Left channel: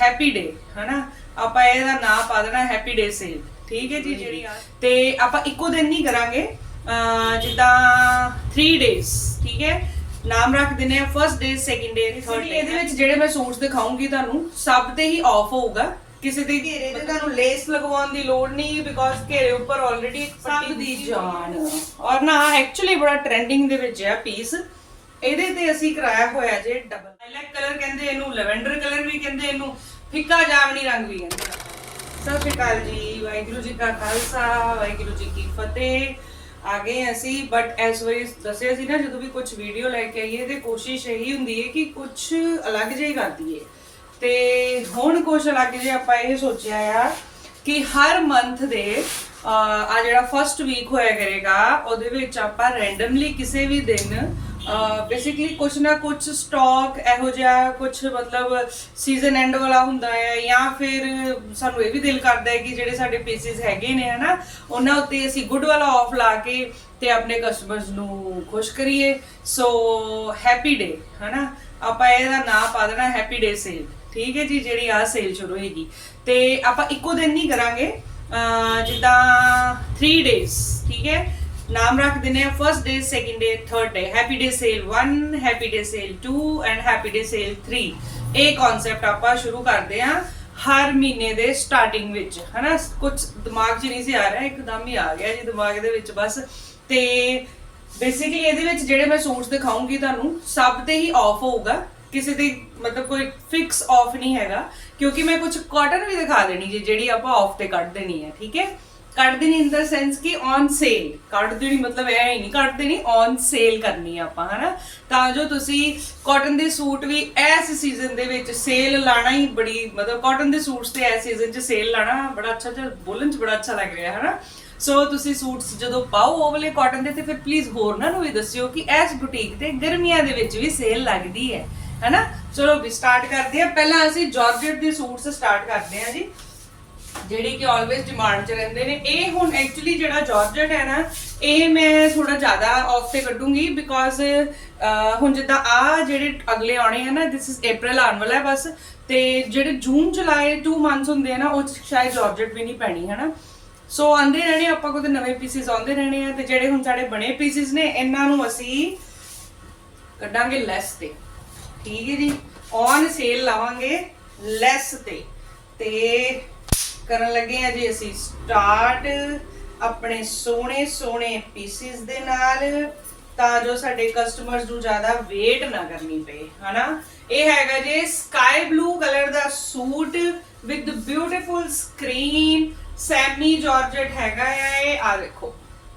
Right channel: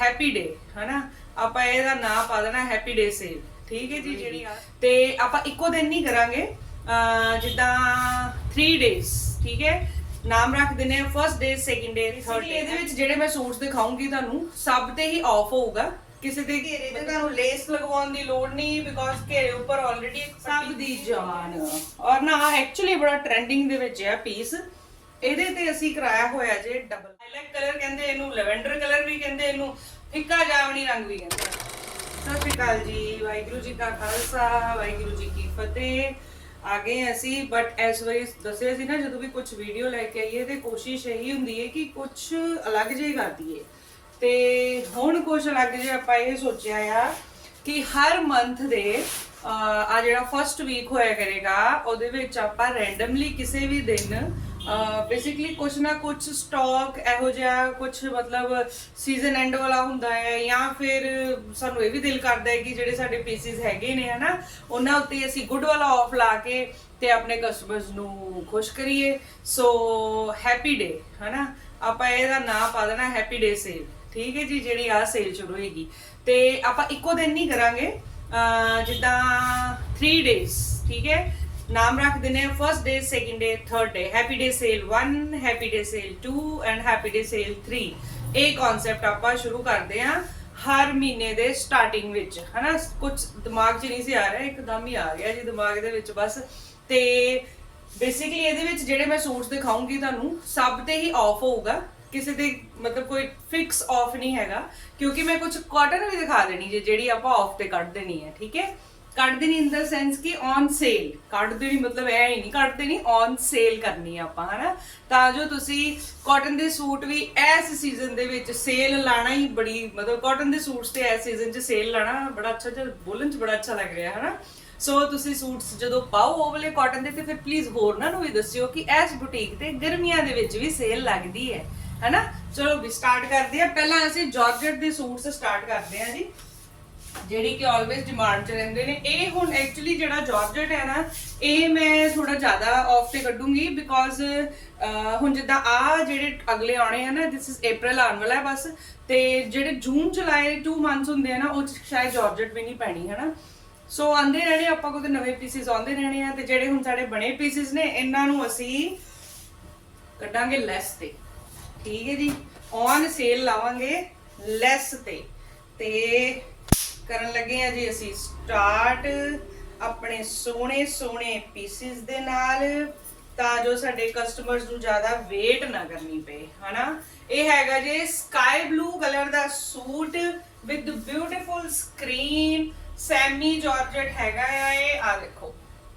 Happy ਡੇ ਹਨਾ? ਆਪਾਂ ਇਹਦਾ ਨਾਮ ਪਾ ਦੇਣਾ ਹੈਪੀ ਡੇ ਸੇਲ ਠੀਕ ਹੈ ਜੀ ਜਿਹੜੀ ਆ? ਤੇ ਆਪਾਂ ਇੱਕੋ ਦਿਨ ਨਹੀਂ ਕਰਾਂਗੇ ਜਿੱਦਾਂ 3 ਡੇਜ਼ ਠੀਕ ਹੈ? ਨਾਮ ਰੱਖ ਦਿੰਦੇ ਆ first day second day third day ਇਹਦੇ ਵਿੱਚ ਜਿਹੜੇ ਮੈਂ ਸੂਟਸ ਦਿਖਾਉਂਗੀ ਤੁਹਾਨੂੰ ਸਭ ਤੇ ਹੀ ਆਫ ਹੋਊਗਾ। ਕਿਸੇ ਦੇ ਘੇਰੇ ਤੇ ਤੁਹਾਨੂੰ ਲੇਸ ਲਗਵਾਉਣ ਦੀ ਲੋੜ ਨਹੀਂ ਬਿਕੋਜ਼ ਘੇਰੇ ਉੱਪਰ ਆਲਰੇਡੀ ਇੱਕ ਸਭ ਦੀ ਜਾਨ। ਔਰ ਨਾ ਐਕਚੁਅਲੀ ਬੜਾ ਟ੍ਰੈਂਡਿੰਗ ਦੇ ਵਿੱਚ ਆ ਪੀਸ ਇਹਦੇ ਤੇ ਅਸੀਂ ਕਰਾਇਆ ਹੋਇਆ ਜੇ ਡਬਲ ਲਾਈਲੈਕ ਕਲਰ ਕਹਿੰਦੇ ਇਹਨੂੰ ਲੈਵੈਂਡਰ ਕਲਰ ਵੀ ਕਹਿੰਦੇ ਇਹਨੂੰ, ਫਿੱਕਾ ਜਾਮਣੀ ਰੰਗ ਵੀ ਕਹਿੰਦੇ ਸਤਿ ਸ਼੍ਰੀ ਅਕਾਲ ਜੀ, ਵਾਹਿਗੁਰੂ ਜੀ ਕਾ ਖਾਲਸਾ, ਵਾਹਿਗੁਰੂ ਜੀ ਕੀ ਫਤਿਹ। ਆ ਗਏ ਅਸੀਂ ਬਟ ਐਸ ਵਾਈ ਦੱਸਿਆ ਸੀ ਨਾ, ਜਦੋਂ ਵੀ ਕੁਝ ਵੀਡੀਓ ਲੈ ਕੇ ਆਈਏ ਤੇ ਕੋਸ਼ਿਸ਼ ਇਹੀ ਹੁੰਦੀ ਹੈ ਕਿ ਕੁਝ ਅਲੱਗ ਜਿਹਾ ਹੀ ਕਰ ਦਈਏ। ਤੇ ਹੁਣ ਕੁਝ ਅਲੱਗ ਜਿਹਾ ਆਪਾਂ ਇਹ ਸੋਚਿਆ ਆ ਕਿ ਹਰ ਮੰਥ ਦੇ ਆ ਜਿਹੜਾ ਫਰਸਟ ਵੀਕ ਹੋਇਆ ਕਰੇਗਾ, ਉਹਦੇ ਵਿੱਚ ਆਪਾਂ ਰੈਂਡਮਲੀ ਕਿਸੇ ਵੀ ਦਿਨ ਬੇਸਿਕਲੀ ਕੁਛ ਨਾ ਕੁਛ ਸਟਾਕ ਇਹੋ ਜਿਹਾ ਕੁਛ ਮਤਲਬ ਸੀਜ਼ਨ ਐਂਡ ਵਾਲਾ ਹੁੰਦਾ ਹੈ ਜਾਂ ਫਿਰ ਸਾਨੂੰ ਇਹ ਵੀ ਦਿਲ ਕਰਦਾ ਹੈ ਕਿ ਜਿਹੜੇ ਸਾਡੇ ਪੀਸਿਸ ਹੈਗੇ ਨੇ, ਹਨਾ, ਉਹਨਾਂ ਉੱਤੇ ਅਸੀਂ ਗੁੱਡ ਵਾਲਾ ਆਫ ਲਾ ਕੇ ਤੇ ਆਪਣੇ ਕਸਟਮਰਸ ਨੂੰ ਖੁਸ਼ ਕਰੀਏ। ਸੋ ਹੈਪੀ ਡੇ ਹਨਾ, ਆਪਾਂ ਇਹਦਾ ਨਾਮ ਪਾ ਦੇਣਾ ਹੈਪੀ ਡੇ ਸੇਲ ਠੀਕ ਹੈ ਜੀ, ਜਿਹੜੀ ਆ ਸੇਲ ਸ਼ੁਰੂ ਹੋਏਗੀ। ਤੇ ਆਪਾਂ ਇੱਕੋ ਦਿਨ ਨਹੀਂ ਕਰਾਂਗੇ ਜਿੱਦਾਂ 3 ਡੇਜ਼ ਠੀਕ ਹੈ। ਨਾਮ ਰੱਖ ਦਿੰਦੇ first day second day third day happy day sale 1 happy day sale 2 and happy day sale 3 ਇਹ ਕਨਸੈਪਟ ਆਪਾਂ ਸ਼ੁਰੂ ਕਰਦੇ ਆ ਹਰ ਮਹੀਨੇ ਦੇ ਸਟਾਰਟਿੰਗ ਵਿੱਚ। ਹਨਾ? ਕੁਝ ਦਿਮਾਗ 'ਚ ਨਹੀਂ ਸੀ ਆ ਰਿਹਾ, ਇੱਕਦਮ ਹੀ ਆ ਗਿਆ ਜੀ ਦਿਮਾਗ ਦੇ ਵਿੱਚ ਬਸ। ਤੇ ਬੇਸਿਕਲੀ ਇਹਦੇ ਵਿੱਚ ਜਿਹੜੇ ਮੈਂ ਸੂਟਸ ਦਿਖਾਉਂਗੀ ਤੁਹਾਨੂੰ, ਸਭ ਤੇ ਹੀ ਆਫ ਹੋਊਗਾ। ਕਿਸੇ ਦੀ ਮਤਲਬ ਕੋਈ ਫਿਕਸ ਆਫ ਨਹੀਂ ਹੈਗਾ, ਕਿਉਂਕਿ ਮੈਂ ਕੁਝ ਕਾਟਨ ਵੀ ਦਿਖਾ ਦੇਣੀ ਜੇ, ਜਿਹੜੀ ਆਪਾਂ ਆਫ ਤੇ ਕੱਢ ਦੇਣੀ ਹੈ, ਠੀਕ ਹੈ? ਕੱਢ ਦੇਣੀ ਇਨ ਦਾ ਸੈਂਸ ਕਿ ਔਨ ਸੇਲ ਕੱਢ ਦੇਣੀ ਮਤਲਬ ਇਹ ਹੀ ਨਹੀਂ ਕੱਢ ਦੇਣੀ ਔਨ ਸੇਲ ਕਰਨੀ ਆ ਆਪਾਂ, ਹਨਾ? ਤਾਂ ਜੋ ਤੁਸੀਂ ਕਾਟਨ ਦੇ ਸੂਟ ਵੀ ਇਸ ਸੀਜ਼ਨ ਦੇ ਵਿੱਚ ਸੇਲ ਲਾਣਾ ਹੀ ਬੜੀ, ਮਤਲਬ ਕਾਟਨ ਦੇ ਸੂਟਸ ਤੇ ਇਸ ਸੀਜ਼ਨ 'ਚ ਸੇਲ ਲਾਣਾ ਬੜਾ ਅੱਛਾ ਜਿਹਾ, ਬੋਲਣ 'ਚ ਬੜਾ ਅੱਛਾ ਲੱਗ ਰਿਹਾ, ਹਨਾ? ਸੋ ਤੁਸੀਂ ਸੂਟਸ ਜਦੋਂ ਪਾਓ ਉਹ ਵਾਲੇ ਕਾਟਨ ਦੇ ਤੇ ਫਿਰ ਪਲੀਜ਼ ਹੋਰ ਨਾ ਨੂੰ ਵੀ ਦੱਸਿਓ ਕਿ ਇਸ ਬੁਟੀਕ ਤੇ ਗਰਮੀਆਂ ਦੇ ਵਿੱਚ ਵੀ ਸੇਲ ਲੱਗਦੀ ਹੈ, ਹੈਨਾ? ਚਲੋ ਵੀ ਸਟਾਰਟ ਕਰਦੇ ਆ ਪਹਿਲਾਂ ਅਸੀਂ ਜਾਰਜਟ ਦੇ ਸੂਟਸ ਸਟਾਰਟ ਕਰਦੇ ਆ ਜੀ। ਜਿਹੜੀ ਕਿ ਆਲਵੇਸ ਡਿਮਾਂਡ 'ਚ ਰਹਿੰਦੇ ਨੇ। ਇਹ ਹੁਣ ਐਕਚੁਅਲੀ ਜਿਹੜਾ ਜਾਰਜਟ ਹੈ ਨਾ, ਇਹ ਮੈਂ ਥੋੜਾ ਜ਼ਿਆਦਾ ਆਫ ਤੇ ਕੱਢੂੰਗੀ ਬਿਕੋਜ਼ ਹੁਣ ਜਿੱਦਾਂ ਆ ਜਿਹੜੇ ਅਗਲੇ ਆਉਣੇ ਹਨ ਨਾ ਦਿਸ ਇਜ਼ April ਆਉਣ ਵਾਲਾ ਹੈ ਬਸ। ਤੇ ਜਿਹੜੇ ਜੂਨ ਜੁਲਾਈ 2 ਮੰਥਸ ਹੁੰਦੇ ਆ ਨਾ, ਉਹ ਸ਼ਾਇਦ ਜਾਰਜਟ ਵੀ ਨਹੀਂ ਪੈਣੀ ਹੈ ਨਾ ਸੋ ਆਂਦੇ ਰਹਿਣੇ ਆਪਾਂ ਕੋਲ ਨਵੇਂ ਪੀਸਿਸ ਆਉਂਦੇ ਰਹਿਣੇ ਆ, ਤੇ ਜਿਹੜੇ ਹੁਣ ਸਾਡੇ ਬਣੇ ਪੀਸਿਸ ਨੇ, ਇਹਨਾਂ ਨੂੰ ਅਸੀਂ ਕੱਢਾਂਗੇ ਲੈਸ ਤੇ। ਠੀਕ ਹੈ ਜੀ? ਔਨ ਸੇਲ ਲਾਵਾਂਗੇ ਲੈਸ ਤੇ। ਤੇ ਕਰਨ ਲੱਗੇ ਆ ਜੀ ਅਸੀਂ ਸਟਾਰਟ ਆਪਣੇ ਸੋਹਣੇ ਸੋਹਣੇ ਪੀਸਿਸ ਦੇ ਨਾਲ, ਤਾਂ ਜੋ ਸਾਡੇ ਕਸਟਮਰਸ ਨੂੰ ਜ਼ਿਆਦਾ ਵੇਟ ਨਾ ਕਰਨੀ ਪਏ, ਹਨਾ? ਇਹ ਹੈਗਾ ਜੀ sky blue colour the suit with beautiful screen semi georgette ਹੈਗਾ ਆ ਇਹ ਆ ਦੇਖੋ,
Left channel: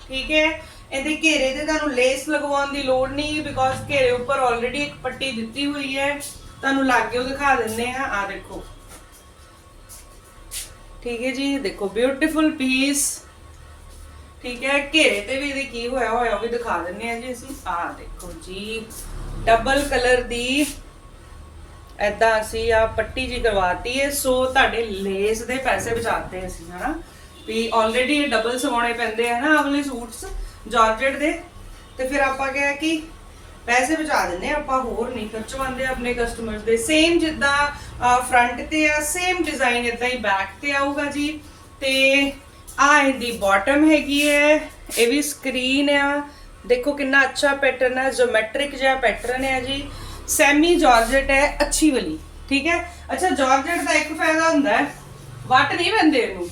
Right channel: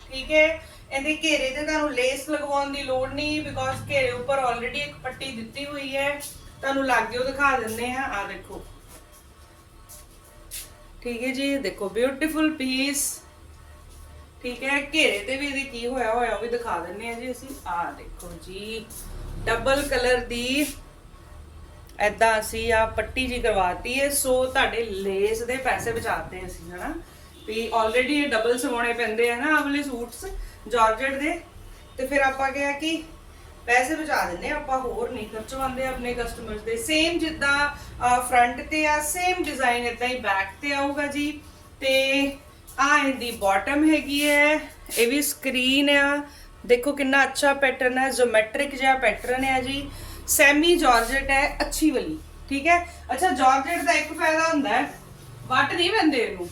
ਠੀਕ ਹੈ? ਇਹਦੇ ਘੇਰੇ ਤੇ ਤੁਹਾਨੂੰ ਲੇਸ ਲਗਵਾਉਣ ਦੀ ਲੋੜ ਨਹੀਂ ਬਿਕੋਜ਼ ਘੇਰੇ ਉੱਪਰ ਆਲਰੇਡੀ ਇੱਕ ਪੱਟੀ ਦਿੱਤੀ ਹੋਈ ਹੈ। ਤੁਹਾਨੂੰ ਲਾਗੇ ਉਹ ਦਿਖਾ ਦਿੰਦੇ ਆ ਆ ਦੇਖੋ। ਠੀਕ ਹੈ ਜੀ, ਦੇਖੋ ਬਿਊਟੀਫੁਲ ਪੀਸ ਠੀਕ ਹੈ, ਘੇਰੇ ਤੇ ਵੀ ਇਹਦੇ ਕੀ ਹੋਇਆ ਹੋਇਆ, ਉਹ ਵੀ ਦਿਖਾ ਦਿੰਨੇ ਆ ਜੀ ਅਸੀਂ। ਆ ਦੇਖੋ ਜੀ ਡਬਲ ਕਲਰ ਦੀ ਐਦਾਂ ਅਸੀਂ ਆ ਪੱਟੀ ਜੀ ਕਰਵਾਤੀ ਹੈ। ਸੋ ਤੁਹਾਡੇ ਲੇਸ ਦੇ ਪੈਸੇ ਬਚਾਤੇ ਅਸੀਂ, ਹਨਾ। ਵੀ ਆਲਰੇਡੀ ਡਬਲ ਸਵਾਉਣੇ ਪੈਂਦੇ ਆ ਨਾ ਆਵਲੇ ਸੂਟਸ ਜਾਰਜਟ ਦੇ। ਤੇ ਫਿਰ ਆਪਾਂ ਕਿਹਾ ਕਿ ਪੈਸੇ ਬਚਾ ਦਿੰਨੇ ਆ, ਆਪਾਂ ਹੋਰ ਨਹੀਂ ਖਰਚਵਾਉਂਦੇ ਆਪਣੇ ਕਸਟਮਰਸ ਦੇ। ਸੇਮ ਜਿੱਦਾਂ ਫਰੰਟ ਤੇ ਆ ਸੇਮ ਡਿਜ਼ਾਈਨ ਇਦਾਂ ਹੀ ਬੈਕ ਤੇ ਆਊਗਾ ਜੀ। ਤੇ ਆ ਇਹਦੀ ਬਾਟਮ ਹੈਗੀ ਹੈ ਇਹ ਵੀ ਸਕਰੀਨ ਆ। ਦੇਖੋ ਕਿੰਨਾ ਅੱਛਾ ਪੈਟਰਨ ਹੈ ਜਿਓਮੈਟ੍ਰਿਕ ਜਿਹਾ ਪੈਟਰਨ ਹੈ ਜੀ। ਸੈਮੀ ਜਾਰਜਟ ਹੈ ਅੱਛੀ ਵਾਲੀ ਠੀਕ ਹੈ? ਅੱਛਾ ਜਾਰਜਟ ਦਾ ਇੱਕ ਫਾਇਦਾ ਹੁੰਦਾ ਹੈ ਵੱਟ ਨਹੀਂ ਪੈਂਦੇ ਇਹਨੂੰ।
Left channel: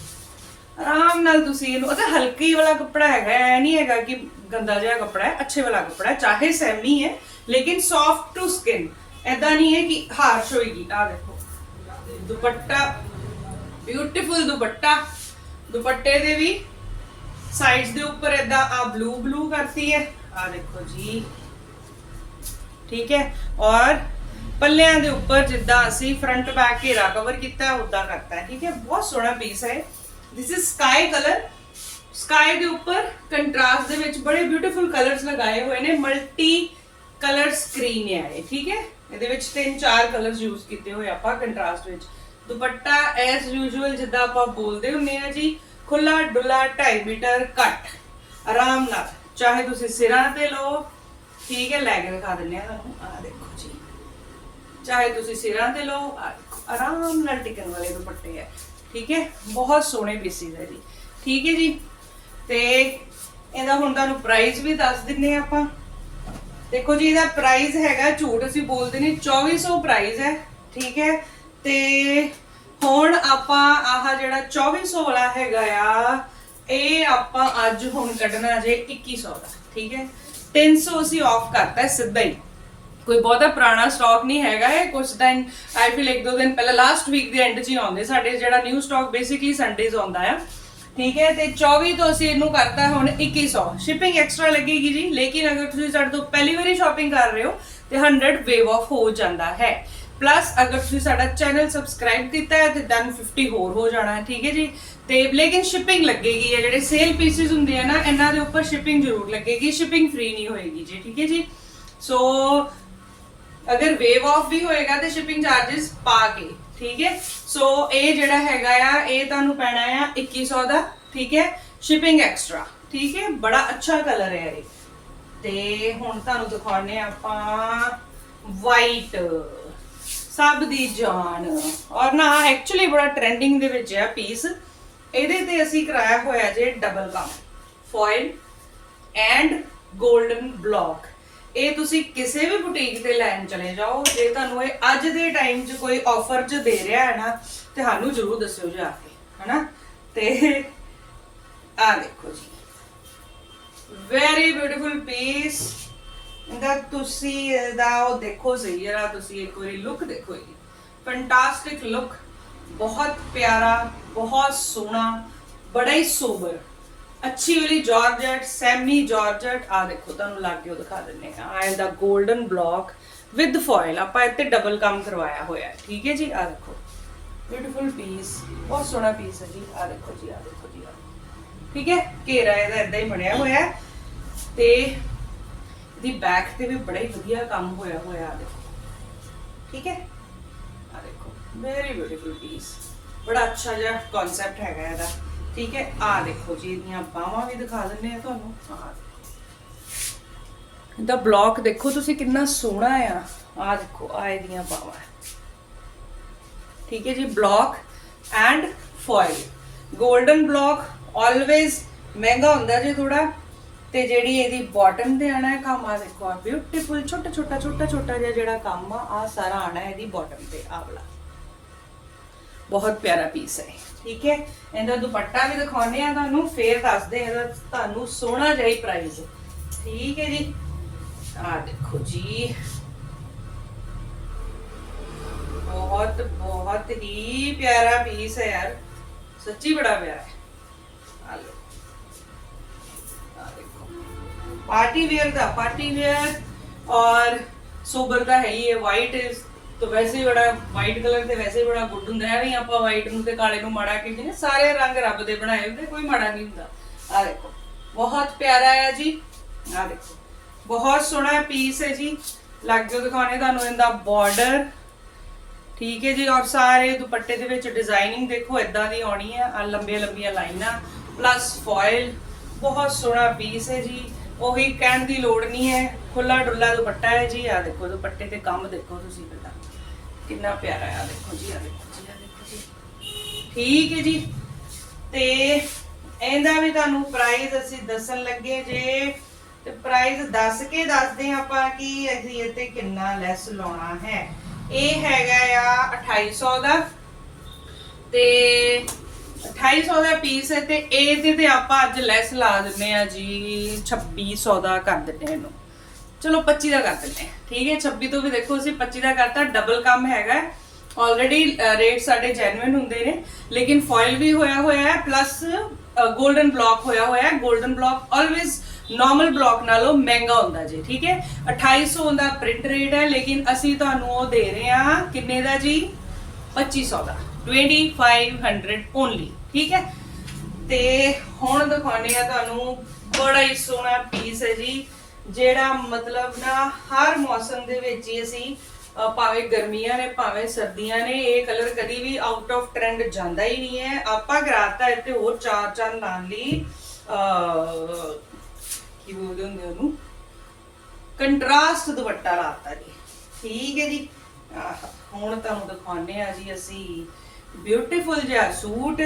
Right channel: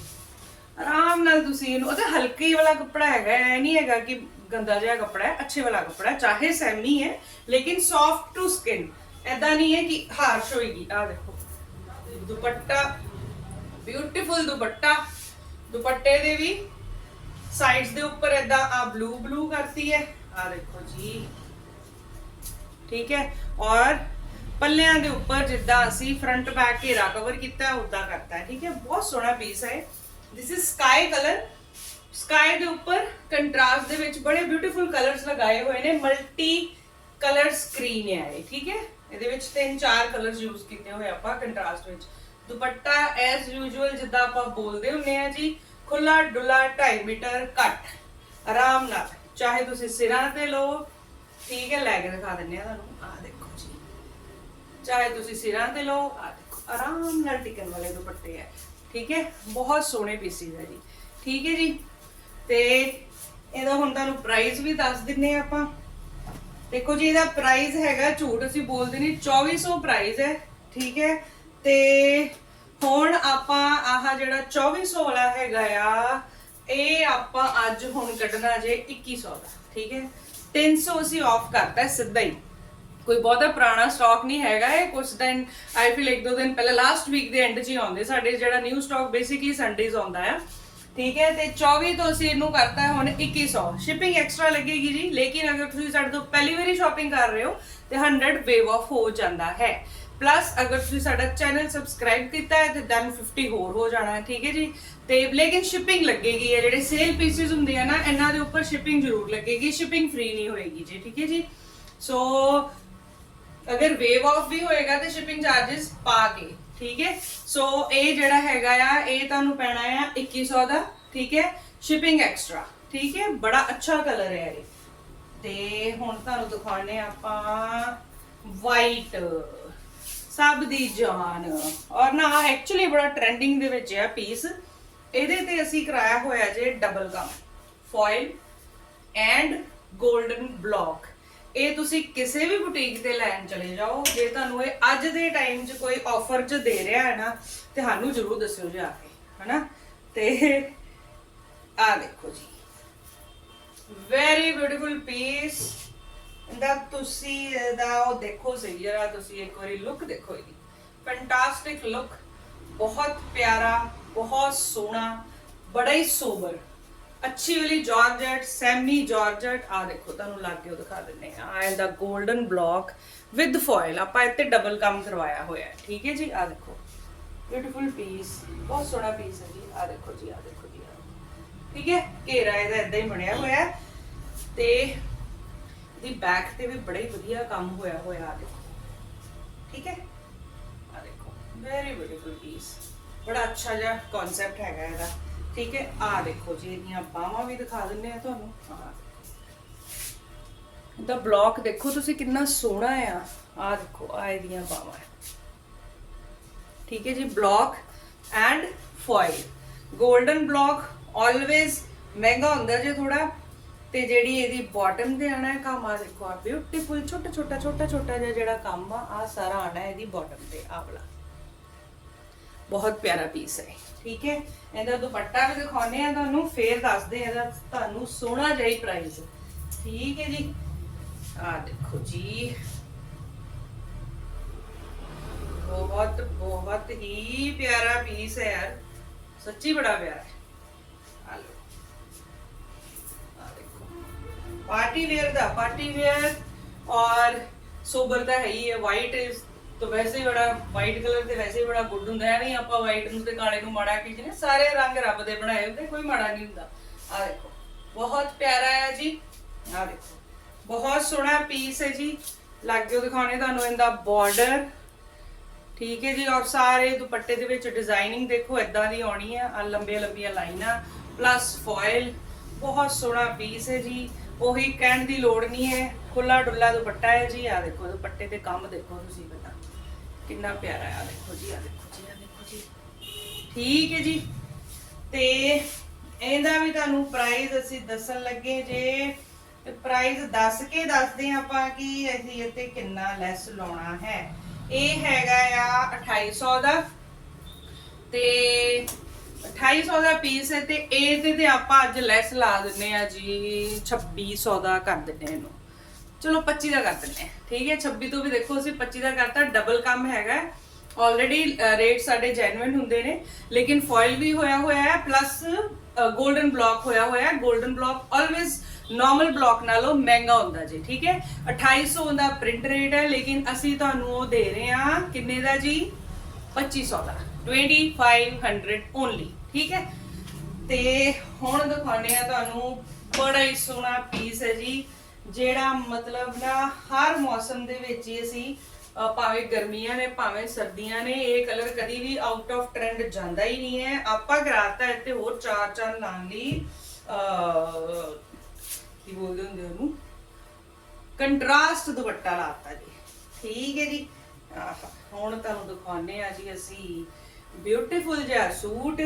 ਆਰਾਮ ਨਾਲ ਤੁਸੀਂ ਇਹਨੂੰ ਅਤੇ ਹਲਕੀ ਵਾਲਾ ਕੱਪੜਾ ਹੈਗਾ ਐ ਨਹੀਂ ਹੈਗਾ ਕਿ ਗੰਦਾ ਜਿਹਾ ਕੱਪੜਾ ਹੈ ਅੱਛੇ ਵਾਲਾ ਕੱਪੜਾ ਹੈ ਚਾਹੇ ਸੈਮੀ ਹੈ ਲੇਕਿਨ ਸੌਫਟ ਟੂ ਸਕਿਨ ਐਦਾਂ ਨਹੀਂ ਹੈ ਕਿ ਹਾਰਸ਼ ਹੋਏਗੀ ਆ ਦੇਖੋ ਦੁਪੱਟਾ ਬਿਊਟੀਫੁਲ ਦੁਪੱਟਾ ਦੁਪੱਟੇ ਦੇ ਵੀ ਸਾਈਡਸ ਦੇ ਉੱਪਰ ਐਦਾਂ ਆ ਬਲੂ ਬਲੂ ਕਰਤੀ ਹੈ ਆ ਦੇਖੋ ਜੀ ਠੀਕ ਹੈ ਔਰ ਪੱਲਿਆਂ ਦੇ ਉੱਪਰ ਜਿੱਦਾਂ ਅਸੀਂ ਫਰੰਟ ਬੈਕ ਘੇਰਾ ਕਵਰ ਕੀਤਾ ਹੈ ਉਦਾਂ ਕਰਤਾ ਹੈ ਠੀਕ ਹੈ ਬਹੁਤ ਸੋਹਣਾ ਪੀਸ ਹੈ this is sky colour sky ਦੇ ਉੱਪਰ ਕੰਟਰਾਸਟ ਦੇ ਵਿੱਚ ਬੜੇ ਬਿਊਟੀਫੁਲ ਕਲਰਸ ਲਗਾਏ ਹੋਏ ਨੇ ਮਲਟੀ ਕਲਰ ਸਕਰੀਨ ਹੈ ਇਹ, ਠੀਕ ਹੈ? ਇਹਦੇ ਵਿੱਚ ਤਿੰਨ ਚਾਰ ਕਲਰਸ ਯੂਜ਼ ਕੀਤੇ ਹੋਏ ਆਪਾਂ ਕੰਟਰਾਸਟ ਵਿੱਚ। ਦੁਪੱਟਾ ਐਸ ਯੂਜੂਅਲ ਜਿੱਦਾਂ ਆਪਾਂ ਬੋਲਦੇ ਹੁੰਨੇ ਆ ਜੀ ਖੁੱਲਾ ਡੁੱਲਾ 2.5 ਮੀਟਰ ਕੱਟ ਆਰਾਮ ਨਾਲ। ਚਾਹੇ ਤੁਸੀਂ ਸਿਰਾਂ ਤੇ ਲਓ, ਠੀਕ ਹੈ, ਲੈ ਕੇ ਦਿਖਾ ਦਿੰਨੇ ਆ ਤੁਹਾਨੂੰ। ਆ ਦੇਖੋ ਜੀ। ਚਾਹੇ ਤੁਸੀਂ ਸਿਰਾਂ ਤੇ ਲਓ ਆ ਦੇਖੋ, ਆਰਾਮ ਨਾਲ ਟਿਕਣ ਵਾਲੇ ਦੁਪੱਟੇ ਹੈ, ਠੀਕ ਹੈ? ਬਹੁਤ ਸੋਹਣੇ ਪੀਸਿਸ ਹੈ ਜੀ। ਠੀਕ ਹੈ ਜੀ? ਤੇ ਇਹਦਾ ਹੁਣ ਤੁਹਾਨੂੰ ਪ੍ਰਾਈਸ ਵੀ ਦੱਸ ਦਿੰਨੇ ਆ ਆਪਾਂ। ਦੇਖੋ ਜੀ, ਇਹਦਾ ਪ੍ਰਾਈਸ ਹੈਗਾ ਝੂਠ, ਅਸੀਂ ਬੋਲਦੇ ਨਹੀਂ 2400 ਪ੍ਰਾਈਸ ਹੈ, ਠੀਕ ਹੈ। ਤੇ ਹੁਣ ਆਪਾਂ ਆਹ ਜਿਹੜਾ 2400 ਵਾਲਾ ਹੈਗਾ ਆ, ਇਹ ਆਪਾਂ ਅੱਜ ਹੁਣ ਕੱਢਣਾ ਜੇ 2100 ਦਾ, ਠੀਕ ਹੈ। 300 ਅਸੀਂ ਆਫ ਕਰਤਾ ਸਿੱਧਾ ਹੀ। ਕੋਈ ਬਹੁਤਾ ਪੁਰਾਣਾ ਸਟਾਕ ਨਹੀਂ ਹੈਗਾ ਇਹ ਕੁਝ ਟਾਈਮ ਆਈ ਫੀਲ ਇੱਕ ਦੋ ਦਿਨ ਪਹਿਲਾਂ ਲਾਸਟ ਵੀਕ ਦੇ ਐਂਡ 'ਚ ਹੀ ਆਉਂਦੇ ਸਾਡੇ ਜਿਹੜਾ ਨਿਊ ਸਟਾਕ ਬੇਸਿਕਲੀ ਸੰਡੇਜ਼ ਆਉਂਦਾ ਆ। ਠੀਕ ਹੈ, ਤੇ 24 ਤੋਂ ਅਸੀਂ ਇਹਨੂੰ ਕਰਤਾ ਹੁਣ 2100 ਸ਼ਿਪਿੰਗ ਐਕਸਟਰਾ ਲੱਗੇਗੀ ਜੀ, ਲੇਕਿਨ ਅਗਰ ਤੁਸੀਂ ਸਾਡੇ ਤੋਂ ਪਹਿਲੀ ਵਾਰੀ ਸ਼ਾਪਿੰਗ ਕਰ ਰਹੇ ਹੋ, ਤੇ 100 ਵੇਵ ਆਫ ਹੋ ਜਾਂਦਾ ਹੈ। ਪਲੱਸ ਅਗਰ ਤੁਸੀਂ ਸਾਡਾ ਚੈਨਲ ਸਬਸਕ੍ਰਾਈਬ ਕੀਤਾ ਹੈ, ਤੇ ਦਨ 50 ਹੋਰ ਹੋ ਜਾਣਾ ਹੈ, ਠੀਕ ਹੈ ਜੀ? ਤੇ ਲੇਕਿਨ ਸ਼ਿਪਿੰਗ ਲੱਗੇਗੀ ਹੈ, ਜਿਹੜੇ ਸੇਲ ਪੀਸਿਸ ਹੁੰਦੇ ਆ ਨਾ, ਇਹਨਾਂ ਦੇ ਉੱਪਰ ਸ਼ਿਪਿੰਗ ਜ਼ਰੂਰ ਲੱਗੇਗੀ ਸ਼ਿਪਿੰਗ ਫ੍ਰੀ ਨਹੀਂ ਹੋਏਗੀ ਜੀ, ਠੀਕ ਹੈ ਜੀ? ਸੋ ਅਗਰ ਵੇਵ ਆਫ ਵੀ ਹੋਏਗਾ, ਤੇ ਸ਼ਿਪਿੰਗ ਚਾਰजेस ਪਾ ਕੇ ਠੀਕ ਹੈ? ਸੋ ਇਹ ਜਿਹੜਾ ਹੈਗਾ ਆ, ਇਹ ਤੁਹਾਨੂੰ ਪੈਣਾ ਆ 2100 ਦਾ, ਠੀਕ ਹੈ? ਸ਼ਿਪਿੰਗ ਐਕਸਟਰਾ ਠੀਕ ਹੈ? ਬੜਾ ਅੱਛਾ ਕਲਰ ਹੈ ਇਹ। ਤੇ ਹੁਣ ਤੁਹਾਨੂੰ ਦਿਖਾਉਣੇ ਆਪਾਂ ਵਾਈਟ ਸਭ ਦੀ ਜਾਨ। ਔਰ ਨਾ ਐਕਚੁਅਲੀ ਬੜਾ ਟ੍ਰੈਂਡਿੰਗ ਦੇ ਵਿੱਚ ਆ ਪੀਸ ਇਹਦੇ ਤੇ ਅਸੀਂ ਕਰਾਇਆ ਹੋਇਆ ਜੇ ਡਬਲ ਕੰਮ ਫੋਇਲ ਐਂਡ 골ਡਨ ਬਲੌਕ ਇਹ ਤੁਸੀਂ ਕਿਸੇ ਵੀ ਬੁਟੀਕ ਤੇ ਲੈਣ ਚਲੇ ਜਾਓ, ਜੇ ਤੁਹਾਨੂੰ ਇਹ ਅੱਜ ਦੇ ਟਾਈਮ 'ਚ ਕੋਈ ਆਫਰ 'ਚ ਦੇ ਰਿਹਾ ਹੈ ਨਾ ਤੇ ਸਾਨੂੰ ਜ਼ਰੂਰ ਦੱਸਿਓ ਜੀ ਆ ਕੇ, ਹਨਾ? ਤੇ ਆ ਦੇਖੋ ਜੀ। ਵੈਰੀ ਬਿਊਟੀਫੁਲ ਪੀਸ ਇਹਦਾ ਤੁਸੀਂ ਇਹਦਾ ਉਹ ਦੇਖੋ ਸਹੀ ਜਰਾ ਤੁਸੀਂ ਇੱਕ ਵਾਰੀ ਲੁੱਕ ਦੇਖੋ ਜੀ। ਫੈਂਟਾਸਟਿਕ ਲੁੱਕ ਬਹੁਤ ਪਿਆਰਾ, ਬਹੁਤ ਸੋਹਣਾ, ਬੜਾ ਹੀ ਸੋਬਰ ਅੱਛੀ ਵਾਲੀ ਜਾਰਜਟ, ਸੈਮੀ ਜਾਰਜਟ। ਆ ਦੇਖੋ, ਤੁਹਾਨੂੰ ਲੱਗ ਗਿਓ ਦਿਖਾ ਦਿੰਨੇ ਆ ਆ ਇਹਦਾ 골ਡਨ ਬਲੌਕ ਵਿਦ ਫੋਇਲ ਆਪਾਂ ਇੱਥੇ ਡਬਲ ਕੰਮ ਕਰਵਾਇਆ ਹੋਇਆ ਹੈ। ਠੀਕ ਹੈ ਜੀ? ਆ ਦੇਖੋ। ਬਿਊਟੀਫੁਲ ਪੀਸ ਬਹੁਤ ਸੋਹਣਾ ਪੀਸ ਹੈ ਜੀ। ਆ ਦੇਖੋ ਜੀ ਆ ਦੇਖੋ ਜੀ, ਆਹ। ਠੀਕ ਹੈ? ਘੇਰਾ ਇਹਦਾ ਇਦਾਂ ਹੀ ਬਣਿਆ ਹੋਇਆ ਹੈ। ਤੇ ਦੀ ਬੈਕ ਤੇ ਵੀ ਬੜਾ ਹੀ ਵਧੀਆ ਕੰਮ ਹੋਇਆ ਹੋਇਆ ਆ ਦੇਖੋ। ਠੀਕ ਹੈ? ਆ ਦੇਖੋ। ਵੈਰੀ ਬਿਊਟੀਫੁਲ ਪੀਸ ਬੜਾ ਅੱਛਾ ਜਿਹਾ ਕਨਸੈਪਟ ਹੈਗਾ ਇਹਦਾ। ਠੀਕ ਹੈ ਆ ਦੇਖੋ ਜੀ, ਇਹਦੀਆਂ ਬਾਹਾਂ ਵੀ ਦਿਖਾ ਦਿੰਨੇ ਆ ਤੁਹਾਨੂੰ। ਆ ਇਹਦਾ ਬਲੌਕ ਦੇਖੋ ਤੁਸੀਂ ਕਿੰਨਾ ਸੋਹਣਾ ਆ। ਆ ਦੇਖੋ ਆ ਇਹਦੀਆਂ ਬਾਹਾਂ ਠੀਕ ਹੈ ਜੀ block and foil golden block always ਮਹਿੰਗਾ ਹੁੰਦਾ ਜੀ ਥੋੜਾ ਤੇ ਜਿਹੜੀ ਇਹਦੀ ਬਾਟਮ ਤੇ ਆਣਾ ਹੈ ਕੰਮ ਆ ਦੇਖੋ ਆ ਬਿਊਟੀਫੁਲ ਛੋਟਾ ਛੋਟਾ ਛੋਟਾ ਛੋਟਾ ਜਿਹਾ ਜਿਹੜਾ ਕੰਮ ਆ ਆ ਸਾਰਾ ਆਣਾ ਇਹਦੀ ਬਾਟਮ ਤੇ ਆ ਬਹੁਤ ਪਿਆਰਾ ਪੀਸ ਹੈ। ਠੀਕ ਹੈ? ਇਹਦਾ ਦੁਪੱਟਾ ਵੀ ਦਿਖਾਉਨੇ ਆ ਤੁਹਾਨੂੰ, ਫੇਰ ਦੱਸਦੇ ਇਹਦਾ ਤੁਹਾਨੂੰ ਸੋਹਣਾ ਜਿਹਾ ਪ੍ਰਾਈਸ ਠੀਕ ਹੈ ਜੀ? ਆ ਦੇਖੋ ਜੀ। ਬਹੁਤ ਬਹੁਤ ਹੀ ਪਿਆਰਾ ਪੀਸ ਹੈ ਯਾਰ। ਸੱਚੀ ਬੜਾ ਪਿਆਰਾ ਹੈ। ਆ ਲਓ। पार्टी वेयर था पार्टी वेयर और सोबर का है ਵਾਈਟ ਵੈਸੇ ਹੀ ਬੜਾ ਵਾਈਟ ਕਲਰ ਤੇ ਵੈਸੇ ਹੀ ਬੜਾ ਗੁੱਡ ਹੁੰਦਾ ਹੈ ਵੀ ਆਪਾਂ ਵਾਈਟ ਨੂੰ ਤੇ ਕਾਲੇ ਨੂੰ ਮਾੜਾ ਕਹਿੰਦੇ ਨੇ ਸਾਰੇ ਰੰਗ ਰੱਬ ਦੇ ਬਣਾਏ ਹੁੰਦੇ, ਕੋਈ ਮਾੜਾ ਨਹੀਂ ਹੁੰਦਾ। ਆ ਦੇਖੋ, ਬਹੁਤ ਪਿਆਰਾ ਹੈ ਜੀ। ਆ ਦੇਖੋ, ਬਹੁਤ ਸੋਹਣਾ ਪੀਸ ਹੈ ਜੀ। ਲੱਗ ਜੋ ਦਿਖਾਣੇ ਤੁਹਾਨੂੰ ਇਹਦਾ ਬਾਰਡਰ ਠੀਕ ਹੈ ਜੀ, ਔਰ ਸਾਰੇ ਦੁਪੱਟੇ ਦੇ ਵਿੱਚ ਡਿਜ਼ਾਈਨਿੰਗ ਦੇਖੋ ਇਦਾਂ ਦੀ ਆਉਣੀ ਹੈ। ਆ ਲੰਬੀਆਂ ਲੰਬੀਆਂ ਲਾਈਨਾਂ ਪਲੱਸ ਫੋਇਲ ਬਹੁਤ ਸੋਹਣਾ ਪੀਸ ਹੈ ਜੀ। ਉਹੀ ਕਹਿਣ ਦੀ ਲੋੜ ਨਹੀਂ ਹੈ। ਖੁੱਲਾ ਡੁੱਲਾ ਦੁਪੱਟਾ ਹੈ ਜੀ। ਆ ਦੇਖੋ, ਦੁਪੱਟੇ ਤੇ ਕੰਮ ਦੇਖੋ ਤੁਸੀਂ। ਕਿੰਨਾ ਪਿਆਰਾ ਆ ਦੇਖੋ ਜੀ ਆ ਦੇਖੋ ਜੀ ਆ ਦੇਖੋ ਜੀ। ਠੀਕ ਹੈ ਜੀ। ਤੇ ਇਹਦਾ ਵੀ ਤੁਹਾਨੂੰ ਪ੍ਰਾਈਸ ਅਸੀਂ ਦੱਸਣ ਲੱਗੇ ਜੇ। ਤੇ ਪ੍ਰਾਈਸ ਦੱਸ ਕੇ ਦੱਸਦੇ ਆਪਾਂ ਕਿ ਅਸੀਂ ਇਹ ਤੇ ਕਿੰਨਾ ਲੈਸ ਲਾਉਣਾ ਹੈ। ਇਹ ਹੈਗਾ ਆ 2800 ਦਾ। ਤੇ 2800 ਦਾ ਪੀਸ ਹੈ ਤੇ ਇਹਦੇ ਤੇ ਆਪਾਂ ਅੱਜ ਲੈਸ ਲਾ ਦਿੰਨੇ ਆ ਜੀ 2600 ਦਾ ਕਰ ਦਿੰਨੇ ਇਹਨੂੰ। ਚਲੋ 25 ਦਾ ਕਰ ਦਿੰਦੇ ਹਾਂ। ਠੀਕ ਹੈ 26 ਤੋਂ ਵੀ ਦੇਖੋ ਅਸੀਂ 25 ਦਾ ਕਰਤਾ ਡਬਲ ਕੰਮ ਹੈਗਾ ਆਲਰੇਡੀ ਰੇਟ ਸਾਡੇ ਜੈਨੂਇਨ ਹੁੰਦੇ ਨੇ। ਲੇਕਿਨ ਫੋਇਲ ਵੀ ਹੋਇਆ ਹੋਇਆ ਹੈ ਪਲੱਸ 골ਡਨ ਬਲੌਕ ਹੋਇਆ ਹੋਇਆ ਹੈ। Golden block always normal block ਨਾਲੋਂ ਮਹਿੰਗਾ ਹੁੰਦਾ ਜੀ, ਠੀਕ ਹੈ? 2800 ਦਾ ਪ੍ਰਿੰਟ ਰੇਟ ਹੈ, ਲੇਕਿਨ ਅਸੀਂ ਤੁਹਾਨੂੰ ਉਹ ਦੇ ਰਹੇ ਹਾਂ, ਕਿੰਨੇ ਦਾ ਜੀ? 2500 ਦਾ। 2500 ਓਨਲੀ ਠੀਕ ਹੈ? ਤੇ ਹੁਣ ਦਿਖਾਉਂਦੇ ਆ ਤੁਹਾਨੂੰ, ਬੜਾ ਹੀ ਸੋਹਣਾ ਪੀਸ ਹੈ ਜੀ। ਜਿਹੜਾ ਮਤਲਬ ਨਾ ਹਰ ਮੌਸਮ ਦੇ ਵਿੱਚ ਹੀ ਅਸੀਂ ਅ, ਭਾਵੇਂ ਗਰਮੀਆਂ ਨੇ ਭਾਵੇਂ ਸਰਦੀਆਂ ਨੇ ਇਹ ਕਲਰ ਕਦੀ ਵੀ ਆਊਟ ਆਫ ਟ੍ਰੈਂਡ ਜਾਂਦਾ ਹੀ ਨਹੀਂ ਹੈ। ਆਪਾਂ ਕਰਾਤਾ ਇੱਥੇ ਹੋਰ ਚਾਰ ਚਾਰ ਲਾਉਣ ਲਈ ਅ ਕੀ ਬੋਲਦੇ ਹੁੰਦੇ ਉਹਨੂੰ? ਕੰਟਰਾਸਟ ਦੁਪੱਟਾ ਲਾਤਾ ਜੀ। ਠੀਕ ਹੈ ਜੀ। ਆਹ, ਹੁਣ ਤੁਹਾਨੂੰ ਦਿਖਾਉਨੇ ਆ ਜੀ ਅਸੀਂ। ਬਿਊਟੀਫੁਲ ਜਿਹਾ ਸੂਟ।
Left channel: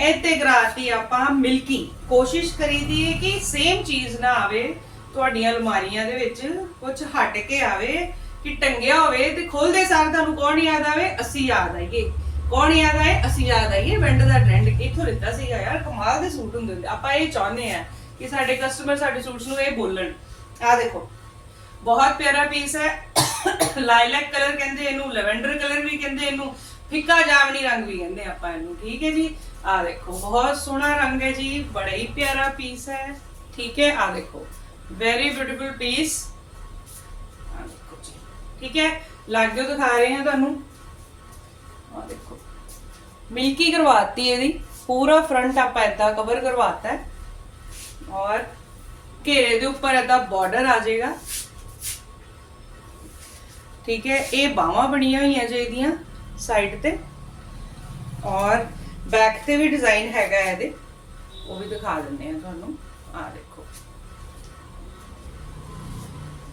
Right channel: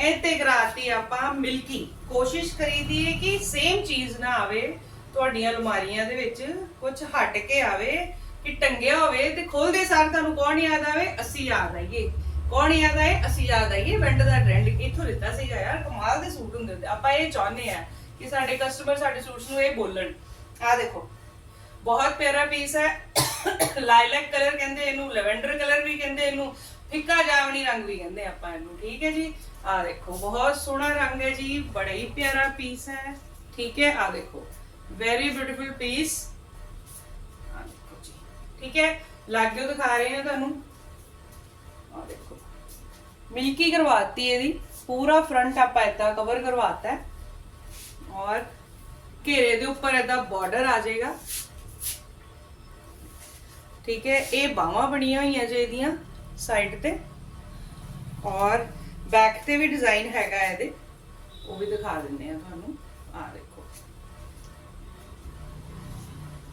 ਇੱਥੇ ਕਰਾਤੀ ਆਪਾਂ ਮਿਲਕੀ ਕੋਸ਼ਿਸ਼ ਕਰੀਦੀ ਹੈ ਕਿ ਸੇਮ ਚੀਜ਼ ਨਾ ਆਵੇ। ਤੁਹਾਡੀਆਂ ਅਲਮਾਰੀਆਂ ਦੇ ਵਿੱਚ ਕੁਝ ਹਟ ਕੇ ਆਵੇ, ਕਿ ਟੰਗਿਆ ਹੋਵੇ ਤੇ ਖੋਲਦੇ ਸਾਰ ਤੁਹਾਨੂੰ ਕੌਣ ਯਾਦ ਆਵੇ? ਅਸੀਂ ਯਾਦ ਆਈਏ। ਕੌਣ ਯਾਦ ਆਏ? ਅਸੀਂ ਯਾਦ ਆਈਏ। ਵੈਂਡ ਦਾ ਟ੍ਰੈਂਡ ਇੱਥੋਂ ਲਿੱਤਾ ਸੀਗਾ, ਯਾਰ, ਕਮਾਲ ਦੇ ਸੂਟ ਹੁੰਦੇ ਹੁੰਦੇ। ਆਪਾਂ ਇਹ ਚਾਹੁੰਦੇ ਆ ਕਿ ਸਾਡੇ ਕਸਟਮਰ ਸਾਡੇ ਸੂਟਸ ਨੂੰ ਇਹ ਬੋਲਣ। ਆ ਦੇਖੋ, ਬਹੁਤ ਪਿਆਰਾ ਪੀਸ ਹੈ। ਲਾਈਲੈਕ ਕਲਰ ਕਹਿੰਦੇ ਇਹਨੂੰ ਲੈਵੈਂਡਰ ਕਲਰ ਵੀ ਕਹਿੰਦੇ ਇਹਨੂੰ, ਫਿੱਕਾ ਜਾਮਨੀ ਰੰਗ ਵੀ ਕਹਿੰਦੇ ਆਪਾਂ ਇਹਨੂੰ। ਠੀਕ ਹੈ ਜੀ? ਆ ਦੇਖੋ, ਬਹੁਤ ਸੋਹਣਾ ਰੰਗ ਹੈ ਜੀ। ਬੜਾ ਹੀ ਪਿਆਰਾ ਪੀਸ ਹੈ। ਠੀਕ ਹੈ? ਆ ਦੇਖੋ। ਵੈਰੀ ਬਿਊਟੀਫੁਲ ਪੀਸ ਠੀਕ ਹੈ ਲਾਗੇ ਦਿਖਾ ਰਹੇ ਹਾਂ ਤੁਹਾਨੂੰ ਆ ਦੇਖੋ ਮਿਲਕੀ ਕਰਵਾਤੀ ਇਹਦੀ ਪੂਰਾ ਫਰੰਟ ਆਪਾਂ ਏਦਾਂ ਕਵਰ ਕਰਵਾਤਾ ਹੈ ਔਰ ਘੇਰੇ ਦੇ ਉੱਪਰ ਏਦਾਂ ਬਾਰਡਰ ਆ ਜਾਏਗਾ ਠੀਕ ਹੈ ਇਹ ਬਾਹਾਂ ਬਣੀਆਂ ਹੋਈਆਂ ਜੀ ਇਹਦੀਆਂ ਸਾਈਡ ਤੇ ਔਰ ਬੈਕ ਤੇ ਵੀ ਡਿਜ਼ਾਈਨ ਹੈਗਾ ਇਹਦੇ ਉਹ ਵੀ ਦਿਖਾ ਦਿੰਦੇ ਆ ਤੁਹਾਨੂੰ ਆ ਦੇਖੋ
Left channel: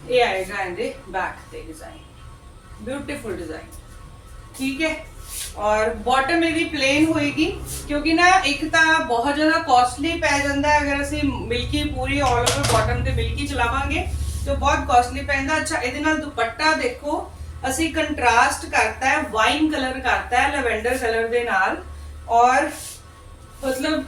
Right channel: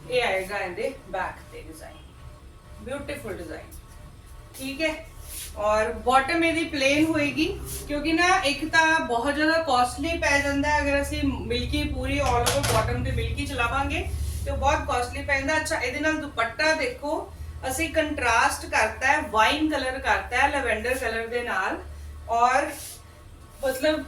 ਇਹ ਆਏਗਾ ਇਹਦੇ ਬੈਕ ਤੇ ਡਿਜ਼ਾਈਨ ਬਿਊਟੀਫੁਲ ਡਿਜ਼ਾਈਨ ਠੀਕ ਹੈ ਔਰ ਬਾਟਮ ਇਹਦੀ ਪਲੇਨ ਹੋਏਗੀ ਕਿਉਂਕਿ ਨਾ ਇੱਕ ਤਾਂ ਬਹੁਤ ਜ਼ਿਆਦਾ ਕਾਸਟਲੀ ਪੈ ਜਾਂਦਾ ਹੈ ਅਗਰ ਅਸੀਂ ਮਿਲਕੀ ਪੂਰੀ ਆਲ ਓਵਰ ਬਾਟਮ ਤੇ ਮਿਲਕੀ ਚਲਾਵਾਂਗੇ ਤੇ ਉਹ ਬਹੁਤ ਕਾਸਟਲੀ ਪੈਂਦਾ ਅੱਛਾ ਇਹਦੇ ਨਾਲ ਦੁਪੱਟਾ ਦੇਖੋ ਅਸੀਂ ਕੰਟਰਾਸਟ ਕਰਤਾ ਹੈ ਵਾਈਨ ਕਲਰ ਕਰਤਾ ਹੈ ਲੈਵੈਂਡਰ ਕਲਰ ਦੇ ਨਾਲ ਔਰ ਮਤਲਬ